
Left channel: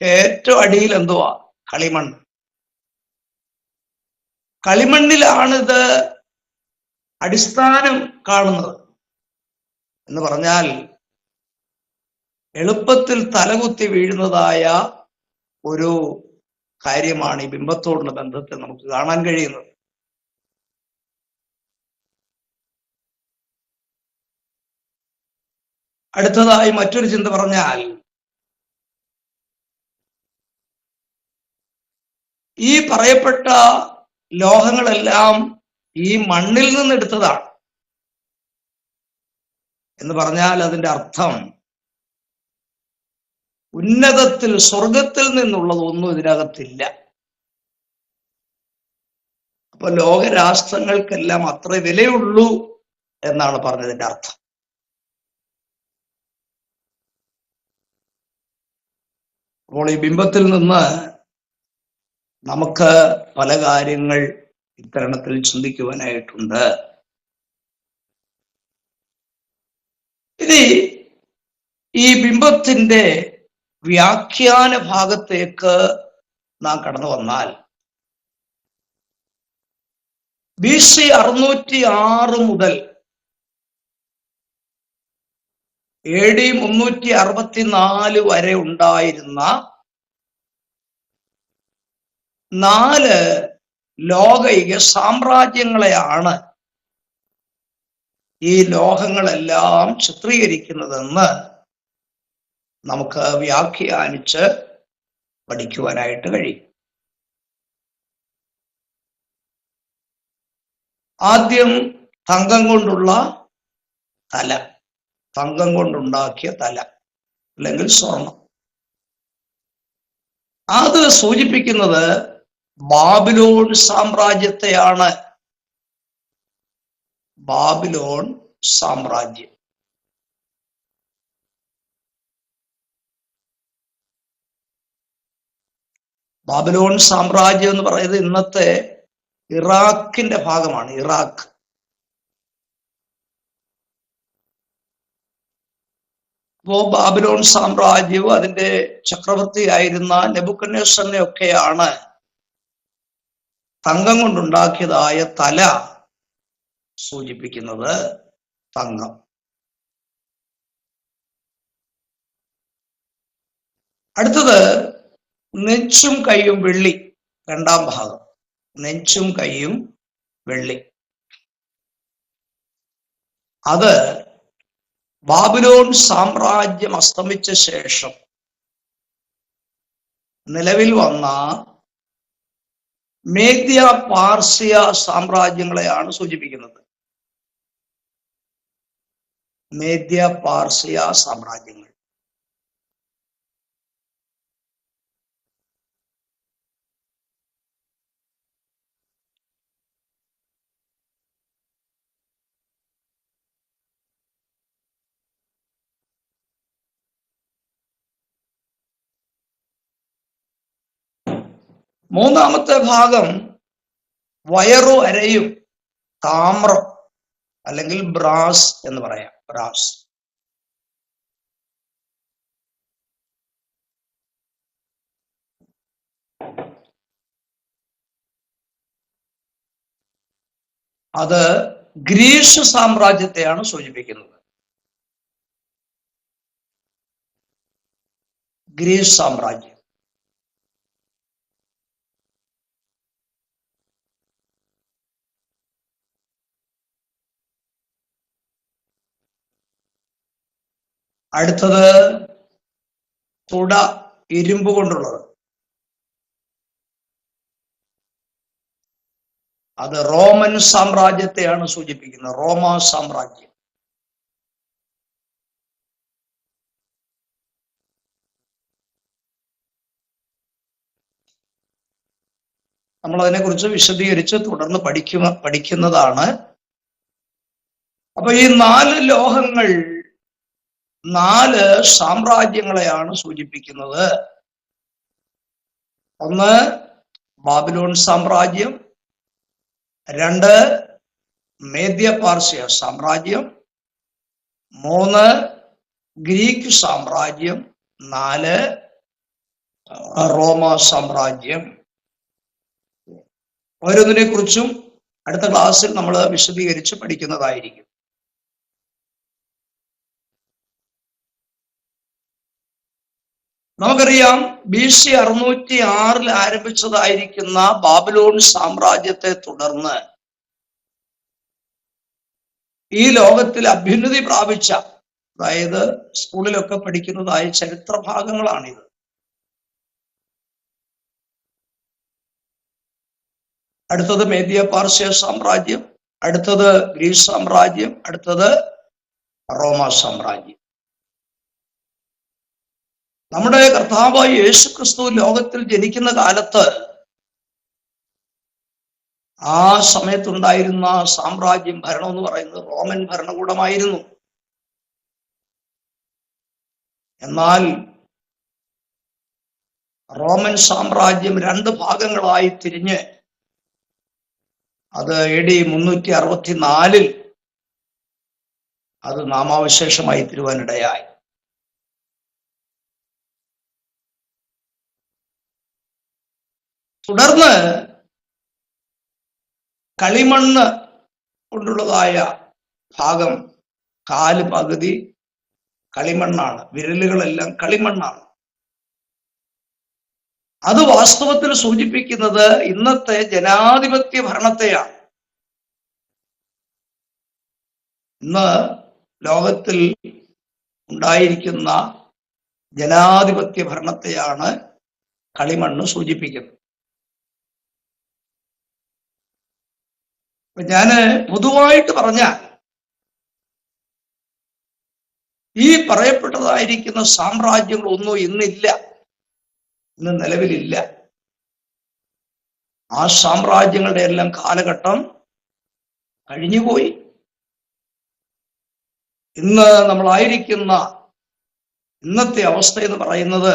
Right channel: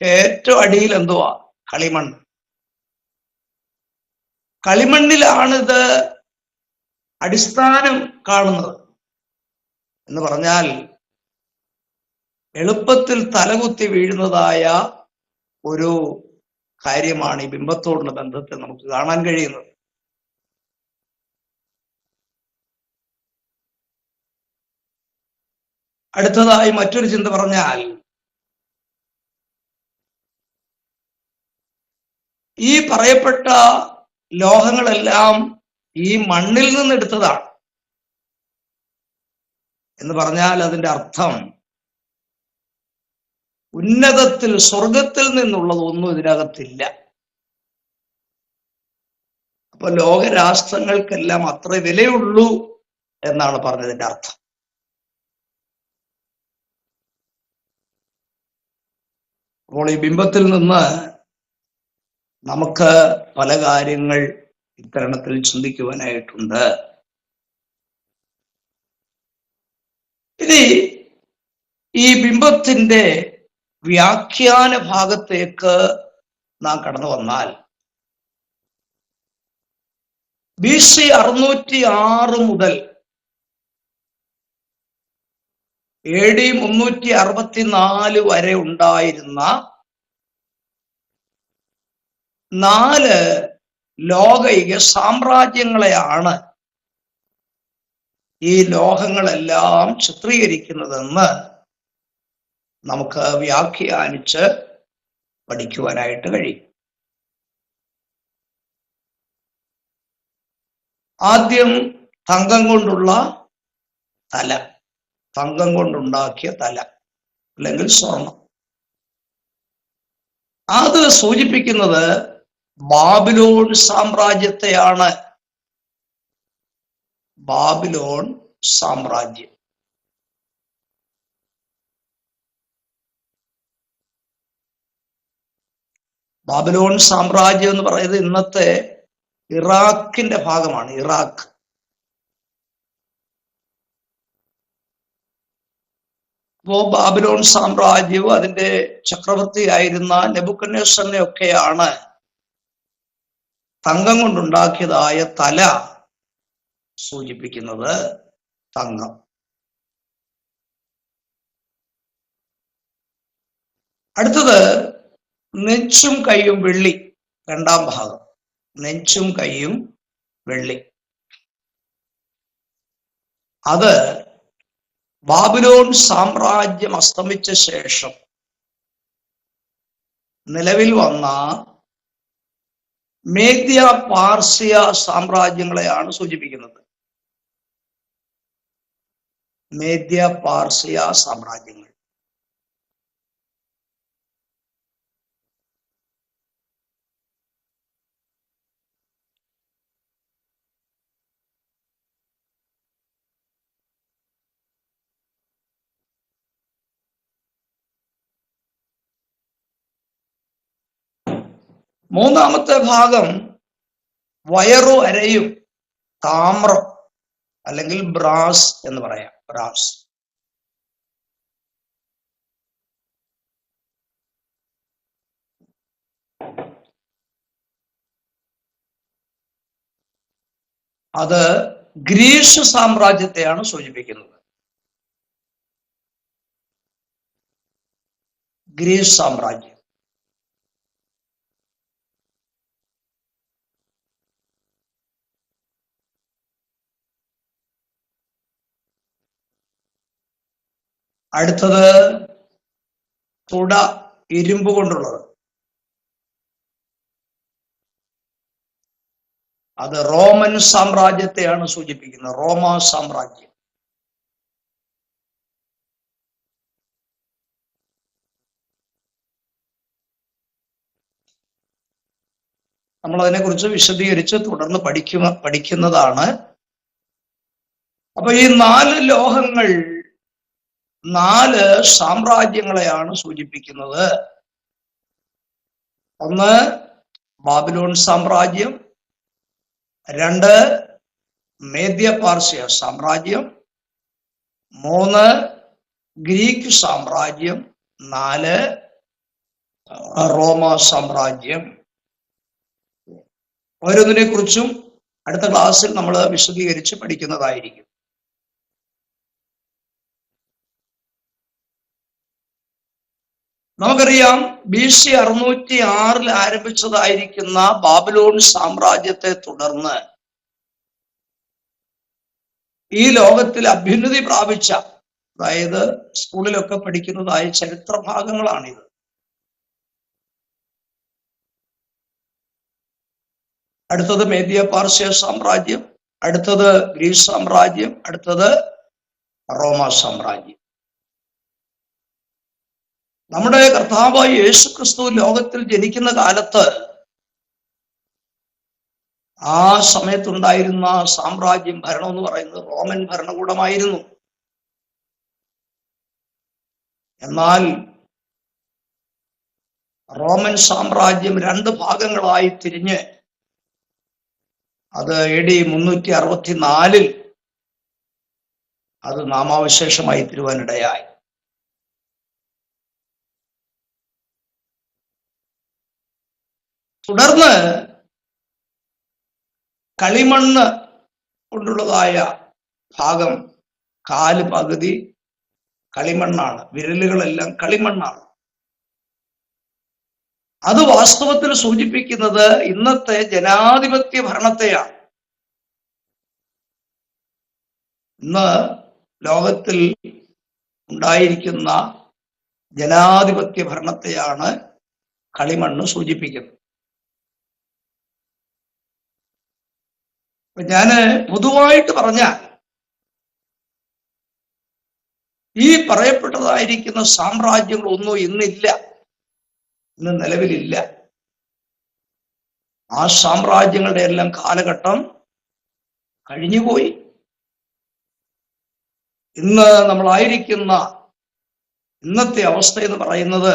ഏറ്റവും അടിയിൽ എന്തുവാ? കളിമണ്ണ്. കളിമണ്ണിലാണിത് അടിസ്ഥാനം കാണുന്നത് എന്ന് പറഞ്ഞാൽ എളുപ്പത്തിൽ തലകുത്തി വീഴുന്നതായ ഒരു കാര്യമാണ് ഈ ബിംബത്തോടുള്ള ബന്ധത്തിൽ നമുക്ക് കാണാൻ കഴിയുന്നത്. അടുത്തതായി മറ്റൊരു ചിന്ത പറഞ്ഞാൽ, ഈ പറയപ്പെട്ട ലോഹങ്ങളെല്ലാം ഈ മണ്ണിൽ നിന്ന് എടുത്തതാണ് എന്ന് പറഞ്ഞാൽ അതിന്റെ അർത്ഥം ഉന്നതത്തിൽ സ്വർഗത്തിൽ നിന്നുള്ളതൊന്നും ഇതിനകത്തില്ല. അപ്പൊ ലോകരാഷ്ട്രങ്ങൾക്കെല്ലാം അത്ര വിലയുള്ളൂ എന്നാണ് പറഞ്ഞതിന്റെ അർത്ഥം. അപ്പോൾ ഈ ബിംബത്തിൽ നിന്ന് നമുക്ക് പല കാര്യങ്ങൾ ഇത്തരണത്തിൽ ചിന്തിക്കുവാനായിട്ടുണ്ട്. ഇനി ഈ ബിംബത്തിന്റെ വ്യാഖ്യാന ഭാഗത്തേക്ക് നാം കടന്നു വന്നാൽ, BC 606 മുതൽ AD 364 വരെ ഉണ്ടായിരുന്ന 4 ലോകൈക സാമ്രാജ്യങ്ങളെയാണ് ഈ ലോഹങ്ങളെല്ലാം ചിത്രീകരിക്കുന്നതെന്ന് നമുക്ക് വ്യാഖ്യാനിച്ച് പഠിക്കുവാനായിട്ട് കഴിയും. ആദ്യം തങ്കം കൊണ്ടുള്ള തല, തങ്കം കൊണ്ടുണ്ടാക്കിയ തല അല്ലെങ്കിൽ സ്വർണം. അത് സൂചിപ്പിക്കുന്നത് ബാബിലോൺ സാമ്രാജ്യത്തെയാണ്. ബാബിലോൺ സാമ്രാജ്യം. ബാബിലോൺ സാമ്രാജ്യം എന്ന് പറയുന്നത് ഇന്നത്തെ ഇറാഖിന്റെ ഭാഗമാണ്. ഇറാഖ്. അപ്പോ ബാബിലോൺ സാമ്രാജ്യവും അതിന്റെ ചക്രവർത്തിയായിരുന്ന നെബൂഖദ്നേസറിനെ ഒക്കെയാണ് തങ്കം കൊണ്ടുണ്ടാക്കിയതായ തല സൂചിപ്പിക്കുന്നത്. തങ്കം. അടുത്തത് നെഞ്ചും കൈയും വെള്ളി. രണ്ടാം ഭാഗം നെഞ്ചും കൈയും വെള്ളി. അത് ബാബിലോൺ സാമ്രാജ്യം അസ്തമിച്ച ശേഷം നിലവിൽ വന്ന മേദ്യ പാർസ്യ സാമ്രാജ്യങ്ങളെയാണ് സൂചിപ്പിക്കുന്നത്. മേദ്യ പാർസ്യ സാമ്രാജ്യങ്ങൾ. മൂന്നാമത്തെ ഭാഗം വയറു അരയും താമ്രം അല്ലെങ്കിൽ ബ്രാസ് എന്ന് പറയാം. ബ്രാസ്. അത് ഗ്രീസ് സാമ്രാജ്യത്തെയാണ് സൂചിപ്പിക്കുന്നത്. ഗ്രീസ് സാമ്രാജ്യം. അടുത്തത് തുട, ഇരുമ്പ് കൊണ്ടുള്ളത്. അത് റോമൻ സാമ്രാജ്യത്തെയാണ് സൂചിപ്പിക്കുന്നത്. റോമ സാമ്രാജ്യം. നമ്മൾ അതിനെക്കുറിച്ച് വിശദീകരിച്ച് തുടർന്ന് പഠിക്കുന്നതാണ്. അപ്പൊ ഈ 4 ലോഹങ്ങൾ 4 സാമ്രാജ്യങ്ങളെയാണ് സൂചിപ്പിക്കുന്നത്. ഒന്ന് ബാബിലോൺ സാമ്രാജ്യം, 2 മേദ്യ പാർസ്യ സാമ്രാജ്യം, 3 ഗ്രീക്ക് സാമ്രാജ്യം, 4 റോമ സാമ്രാജ്യം. ഓരോന്നിനെ കുറിച്ചും അടുത്ത ക്ലാസ്സിൽ നമ്മൾ വിശദീകരിച്ച് പഠിക്കുന്നതായിരിക്കും. നമുക്കറിയാം, BC 606 ആരംഭിച്ചതായിരിക്കുന്ന ബാബിലോൺ സാമ്രാജ്യത്തെ തുടർന്ന് ഈ ലോകത്തിൽ അഭ്യുന്നതി പ്രാപിച്ച, അതായത് സ്കൂളിലൊക്കെ പഠിക്കുന്നതായ ചരിത്ര ഭാഗങ്ങളാണിത്. അടുത്തത് മേദ്യ പാർസ്യ സാമ്രാജ്യം, അടുത്തത് ഗ്രീസ് സാമ്രാജ്യം, അടുത്തത് റോമ സാമ്രാജ്യം. നമ്മുടെ കർത്താവായ യേശുക്രിസ്തു ലോകത്തിൽ ജനിക്കുന്ന കാലത്ത് ആ സമയത്തുണ്ടായിരുന്ന സാമ്രാജ്യം, ഭരണം എന്ന് പറയുന്നത് റോമൻ ഭരണകൂടമായിരുന്നു. എന്നാൽ റോമൻ സാമ്രാജ്യം 2 ഭാഗങ്ങളായി തിരിഞ്ഞ് അത് AD 364 അത് നാമാവശേഷമായി തീരുവാനിടയായി. തുടർന്ന് കളിമണ്ണ് കൊണ്ടുള്ളതായ ഭാഗം, 4 പകുതി കളിമണ്ണാണ്, വിരലുകളെല്ലാം കളിമണ്ണാണ്. അത് വാസ്തവത്തിൽ സൂചിപ്പിക്കുന്നത് ഇന്നത്തെ ജനാധിപത്യ ഭരണത്തെയാണ്. ഇന്ന് ലോകത്തിൽ ഉണ്ടായിരിക്കുന്ന ജനാധിപത്യ ഭരണത്തെയാണ് കളിമണ്ണ് സൂചിപ്പിക്കുന്നത്. ഞാന് പൊതുവായിട്ട് പറഞ്ഞാൽ ഈ പറയപ്പെട്ടതായിരിക്കുന്ന സാമ്രാജ്യങ്ങളൊന്നും ഇന്നില്ല, ഇന്ന് നിലവിലില്ല. ആ സാമ്രാജ്യങ്ങളുടെ എല്ലാം കാലഘട്ടം കഴിഞ്ഞുപോയി. ഇന്ന് നമ്മളായിരിക്കുന്ന ഇന്നത്തെ അവസ്ഥ എന്ന് പറയുന്നത്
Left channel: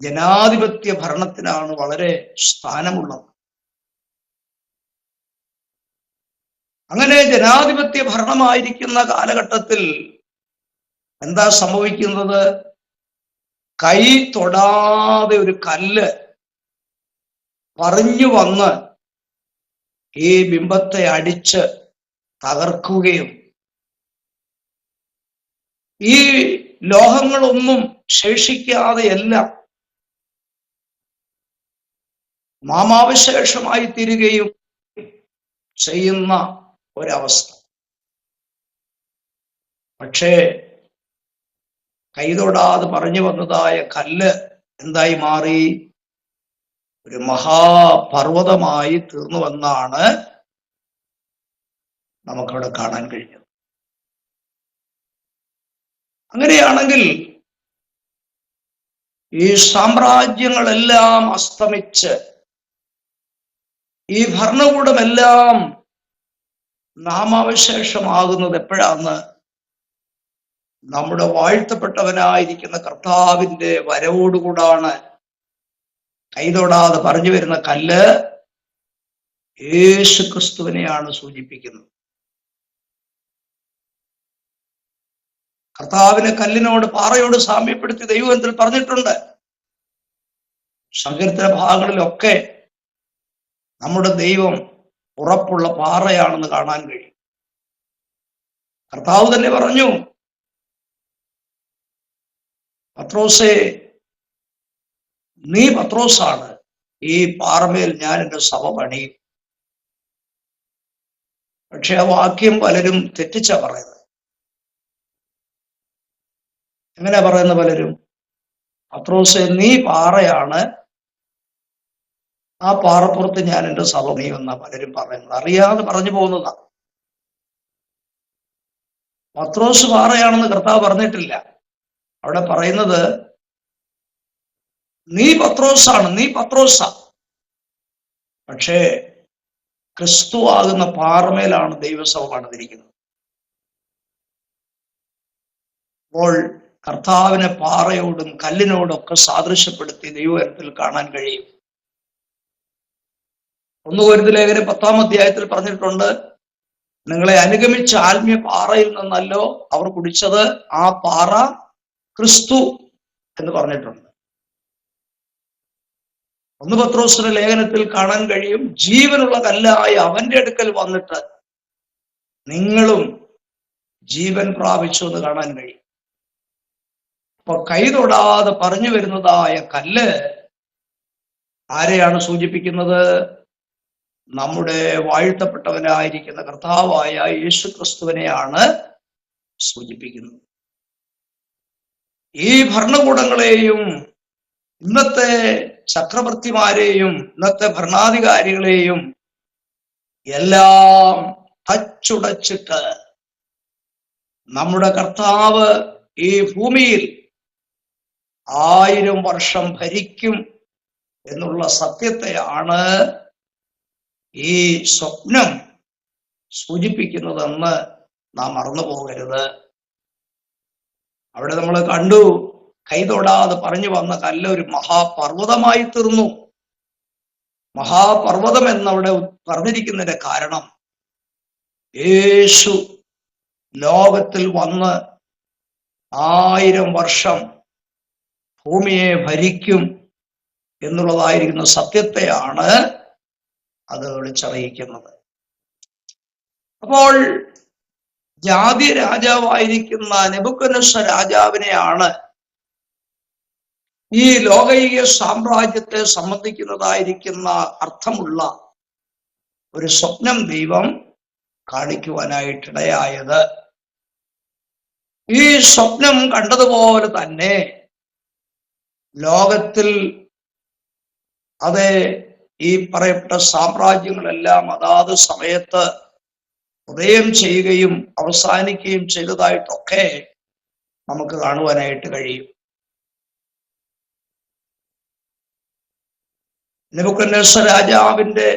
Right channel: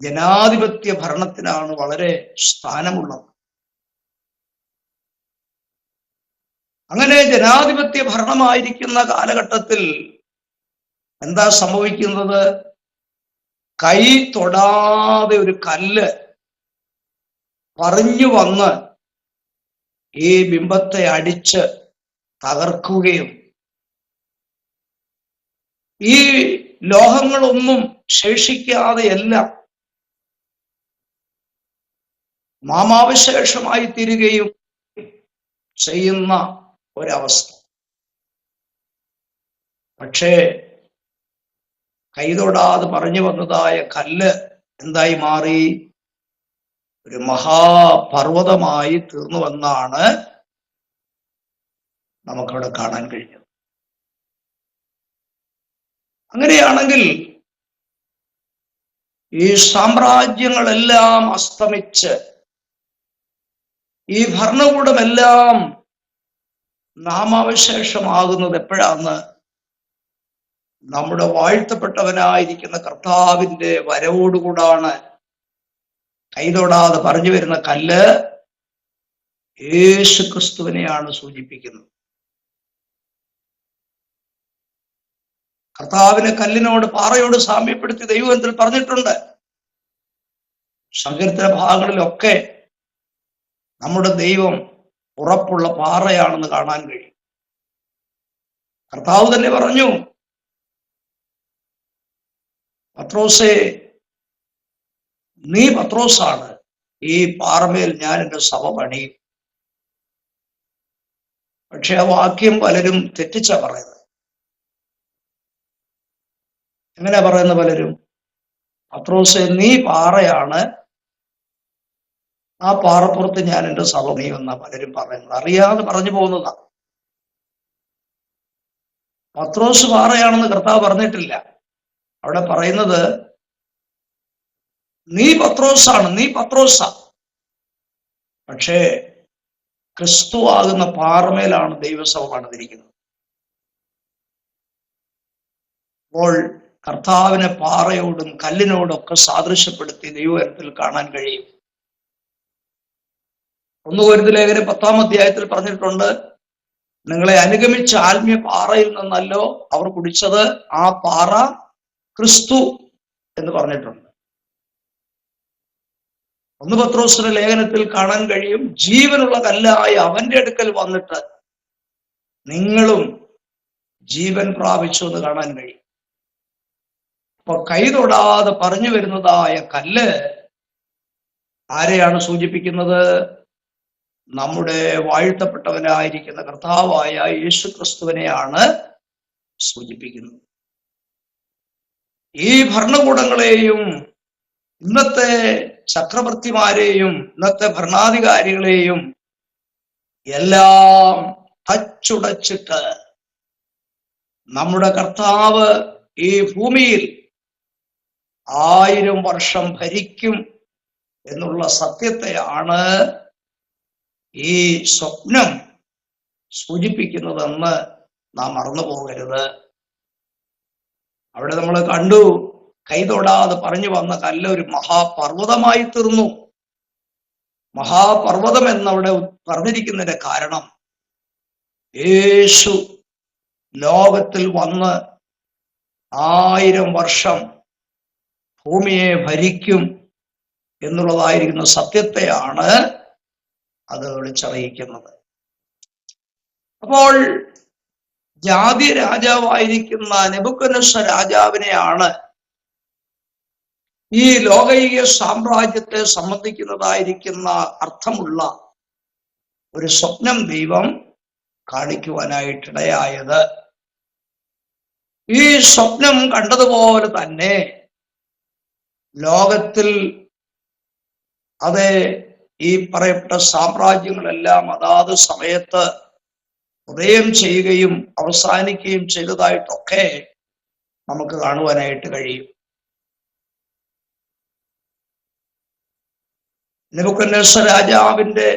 ജനാധിപത്യ ഭരണത്തിനാണ് വളരെ സ്ഥാനമുള്ളത്. അങ്ങനെ ജനാധിപത്യ ഭരണമായിരിക്കുന്ന കാലഘട്ടത്തിൽ എന്താ സംഭവിക്കുന്നത്? കൈ തൊടാതെ ഒരു കല്ല് പറഞ്ഞു വന്ന് ഈ ബിംബത്തെ അടിച്ച് തകർക്കുകയും ഈ ലോഹങ്ങളൊന്നും ശേഷിക്കാതെയെല്ലാം നാമാവശേഷമായി തീരുകയും ചെയ്യുന്ന ഒരവസ്ഥ. പക്ഷേ കൈതൊടാതെ പറഞ്ഞു വന്നതായ കല്ല് എന്തായി മാറി? ഒരു മഹാപർവ്വതമായി തീർന്നുവെന്നാണ് നമുക്കവിടെ കാണാൻ കഴിഞ്ഞത്. അങ്ങനെയാണെങ്കിൽ ഈ സാമ്രാജ്യങ്ങളെല്ലാം അസ്തമിച്ച് ഈ ഭരണകൂടമെല്ലാം നാമാവശേഷമാകുന്നത് എപ്പോഴാന്ന്? നമ്മുടെ വാഴ്ത്തപ്പെട്ടവനായിരിക്കുന്ന കർത്താവിന്റെ വരവോടുകൂടാണ്. കൈതൊടാതെ പറഞ്ഞു വരുന്ന കല്ല് യേശു ക്രിസ്തുവിനെയാണ് സൂചിപ്പിക്കുന്നത്. കർത്താവിനെ കല്ലിനോട്, പാറയോട് സാമ്യപ്പെടുത്തി ദൈവത്തിൽ പറഞ്ഞിട്ടുണ്ട്. സങ്കീർത്തന ഭാഗങ്ങളിലൊക്കെ നമ്മുടെ ദൈവം ഉറപ്പുള്ള പാറയാണെന്ന് കാണാൻ കഴിയും. കർത്താവ് തന്നെ പറഞ്ഞു, പത്രോസേ, നീ പത്രോസാണ്, ഈ പാറമേൽ ഞാൻ എൻ്റെ സഭ പണിയും. പക്ഷെ ആ വാക്യം പലരും തെറ്റിച്ച പറയുന്നത്. എങ്ങനെയാ പറയുന്നത് പലരും? പത്രോസേ, നീ പാറയാണ്, ആ പാറപ്പുറത്ത് ഞാൻ എൻ്റെ സഭ പണിയുമെന്നാ പലരും പറയുന്നത്. അറിയാതെ പറഞ്ഞു പോകുന്നതാ. പത്രോസ് പാറയാണെന്ന് കർത്താവ് പറഞ്ഞിട്ടില്ല. അവിടെ പറയുന്നത് നീ പത്രോസാണ്, നീ പത്രോസ. പക്ഷേ ക്രിസ്തു ആകുന്ന പാറമേലാണ് ദൈവസഭ പണിതിരിക്കുന്നത്. അപ്പോൾ കർത്താവിനെ പാറയോടും കല്ലിനോടും ഒക്കെ സാദൃശ്യപ്പെടുത്തി ദൈവത്തിൽ കാണാൻ കഴിയും. 1 കൊരിന്ത്യർ ലേഖനം 10-ാം അധ്യായത്തിൽ പറഞ്ഞിട്ടുണ്ട്, നിങ്ങളെ അനുഗമിച്ച ആത്മീയ പാറയിൽ നിന്നല്ലോ അവർ കുടിച്ചത്, ആ പാറ ക്രിസ്തു എന്ന് പറഞ്ഞിട്ടുണ്ട്. 1 പത്രോസിന്റെ ലേഖനത്തിൽ കാണാൻ കഴിയും, ജീവനുള്ള കല്ലായ അവന്റെ അടുക്കൽ വന്നിട്ട് നിങ്ങളും ജീവൻ പ്രാപിച്ചു എന്ന് കാണാൻ കഴിയും. അപ്പൊ കൈ തൊടാതെ പറഞ്ഞു വരുന്നതായ കല്ല് ആരെയാണ് സൂചിപ്പിക്കുന്നത്? നമ്മുടെ വാഴ്ത്തപ്പെട്ടവനായിരിക്കുന്ന കർത്താവായ യേശു ക്രിസ്തുവിനെയാണ് സൂചിപ്പിക്കുന്നത്. ഈ ഭരണകൂടങ്ങളെയും ഇന്നത്തെ ചക്രവർത്തിമാരെയും ഇന്നത്തെ ഭരണാധികാരികളെയും എല്ലാം തച്ചുടച്ചിട്ട് നമ്മുടെ കർത്താവ് ഈ ഭൂമിയിൽ 1000 വർഷം ഭരിക്കും എന്നുള്ള സത്യത്തെയാണ് ഈ സ്വപ്നം സൂചിപ്പിക്കുന്നതെന്ന് നാം മറന്നു പോകരുത്. അവിടെ നമ്മൾ കണ്ടു, കൈതൊടാതെ പറഞ്ഞു വന്ന കല്ല് ഒരു മഹാപർവ്വതമായി തീർന്നു. മഹാപർവ്വതം എന്നവിടെ പറഞ്ഞിരിക്കുന്നതിന്റെ കാരണം യേശു ലോകത്തിൽ വന്ന് 1000 വർഷം ഭൂമിയെ ഭരിക്കും എന്നുള്ളതായിരിക്കുന്ന സത്യത്തെയാണ് അത് വിളിച്ചറിയിക്കുന്നത്. അപ്പോൾ ജാതി രാജാവായിരിക്കുന്ന നെബൂഖദ്നേസർ രാജാവിനെയാണ് ഈ ലോകൈക സാമ്രാജ്യത്തെ സംബന്ധിക്കുന്നതായിരിക്കുന്ന അർത്ഥമുള്ള ഒരു സ്വപ്നം ദൈവം കാണിക്കുവാനായിട്ടിടയായത്. ഈ സ്വപ്നം കണ്ടതുപോലെ തന്നെ ലോകത്തിൽ ഈ പറയപ്പെട്ട സാമ്രാജ്യങ്ങളെല്ലാം അതാത് സമയത്ത് ഉദയം ചെയ്യുകയും അവസാനിക്കുകയും ചെയ്തതായിട്ടൊക്കെ നമുക്ക് കാണുവാനായിട്ട് കഴിയും. നെബൂഖദ്നേസർ രാജാവിന്റെ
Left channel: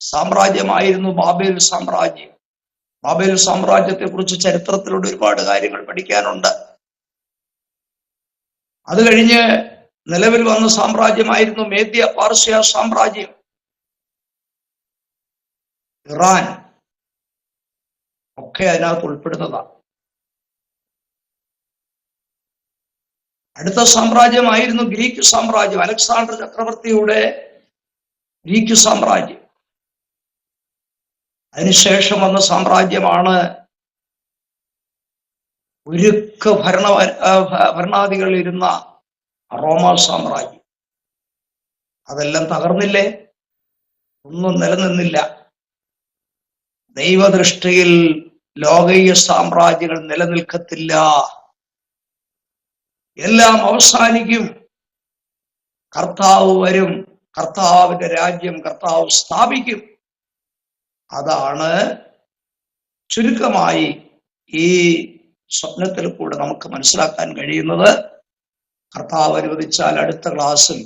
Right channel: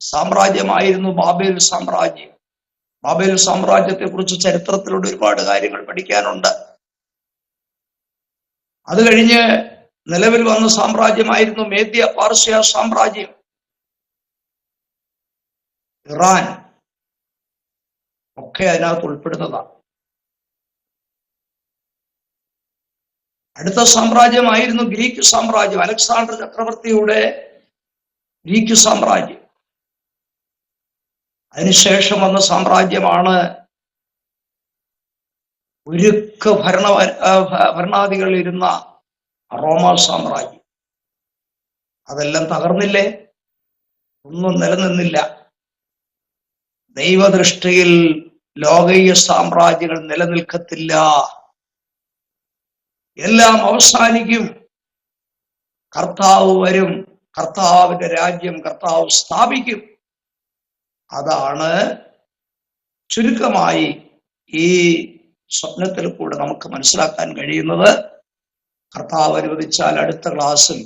സാമ്രാജ്യമായിരുന്നു ബാബേൽ സാമ്രാജ്യം. ബാബേൽ സാമ്രാജ്യത്തെ കുറിച്ച് ചരിത്രത്തിലൂടെ ഒരുപാട് കാര്യങ്ങൾ പഠിക്കാനുണ്ട്. അത് കഴിഞ്ഞ് നിലവിൽ വന്ന സാമ്രാജ്യമായിരുന്നു മേദ്യ പാർസ്യ സാമ്രാജ്യം. ഇറാൻ ഒക്കെ അതിനകത്ത് ഉൾപ്പെടുന്നതാണ്. അടുത്ത സാമ്രാജ്യമായിരുന്നു ഗ്രീക്ക് സാമ്രാജ്യം, അലക്സാണ്ടർ ചക്രവർത്തിയുടെ ഗ്രീക്ക് സാമ്രാജ്യം. അതിനുശേഷം വന്ന സാമ്രാജ്യമാണ് ഉരുക്ക് ഭരണാധികൾ ഇരുന്ന റോമ സാമ്രാജ്യം. അതെല്ലാം തകർന്നില്ലേ? ഒന്നും നിലനിന്നില്ല. ദൈവദൃഷ്ടിയിൽ ലോകീയ സാമ്രാജ്യങ്ങൾ നിലനിൽക്കത്തില്ല, എല്ലാം അവസാനിക്കും. കർത്താവ് വരും, കർത്താവിന്റെ രാജ്യം കർത്താവ് സ്ഥാപിക്കും. അതാണ് ചുരുക്കമായി ഈ സ്വപ്നത്തിൽ കൂടെ നമുക്ക് മനസ്സിലാക്കാൻ കഴിയുന്നത്. കർത്താവ് അനുവദിച്ചാൽ അടുത്ത ക്ലാസ്സിൽ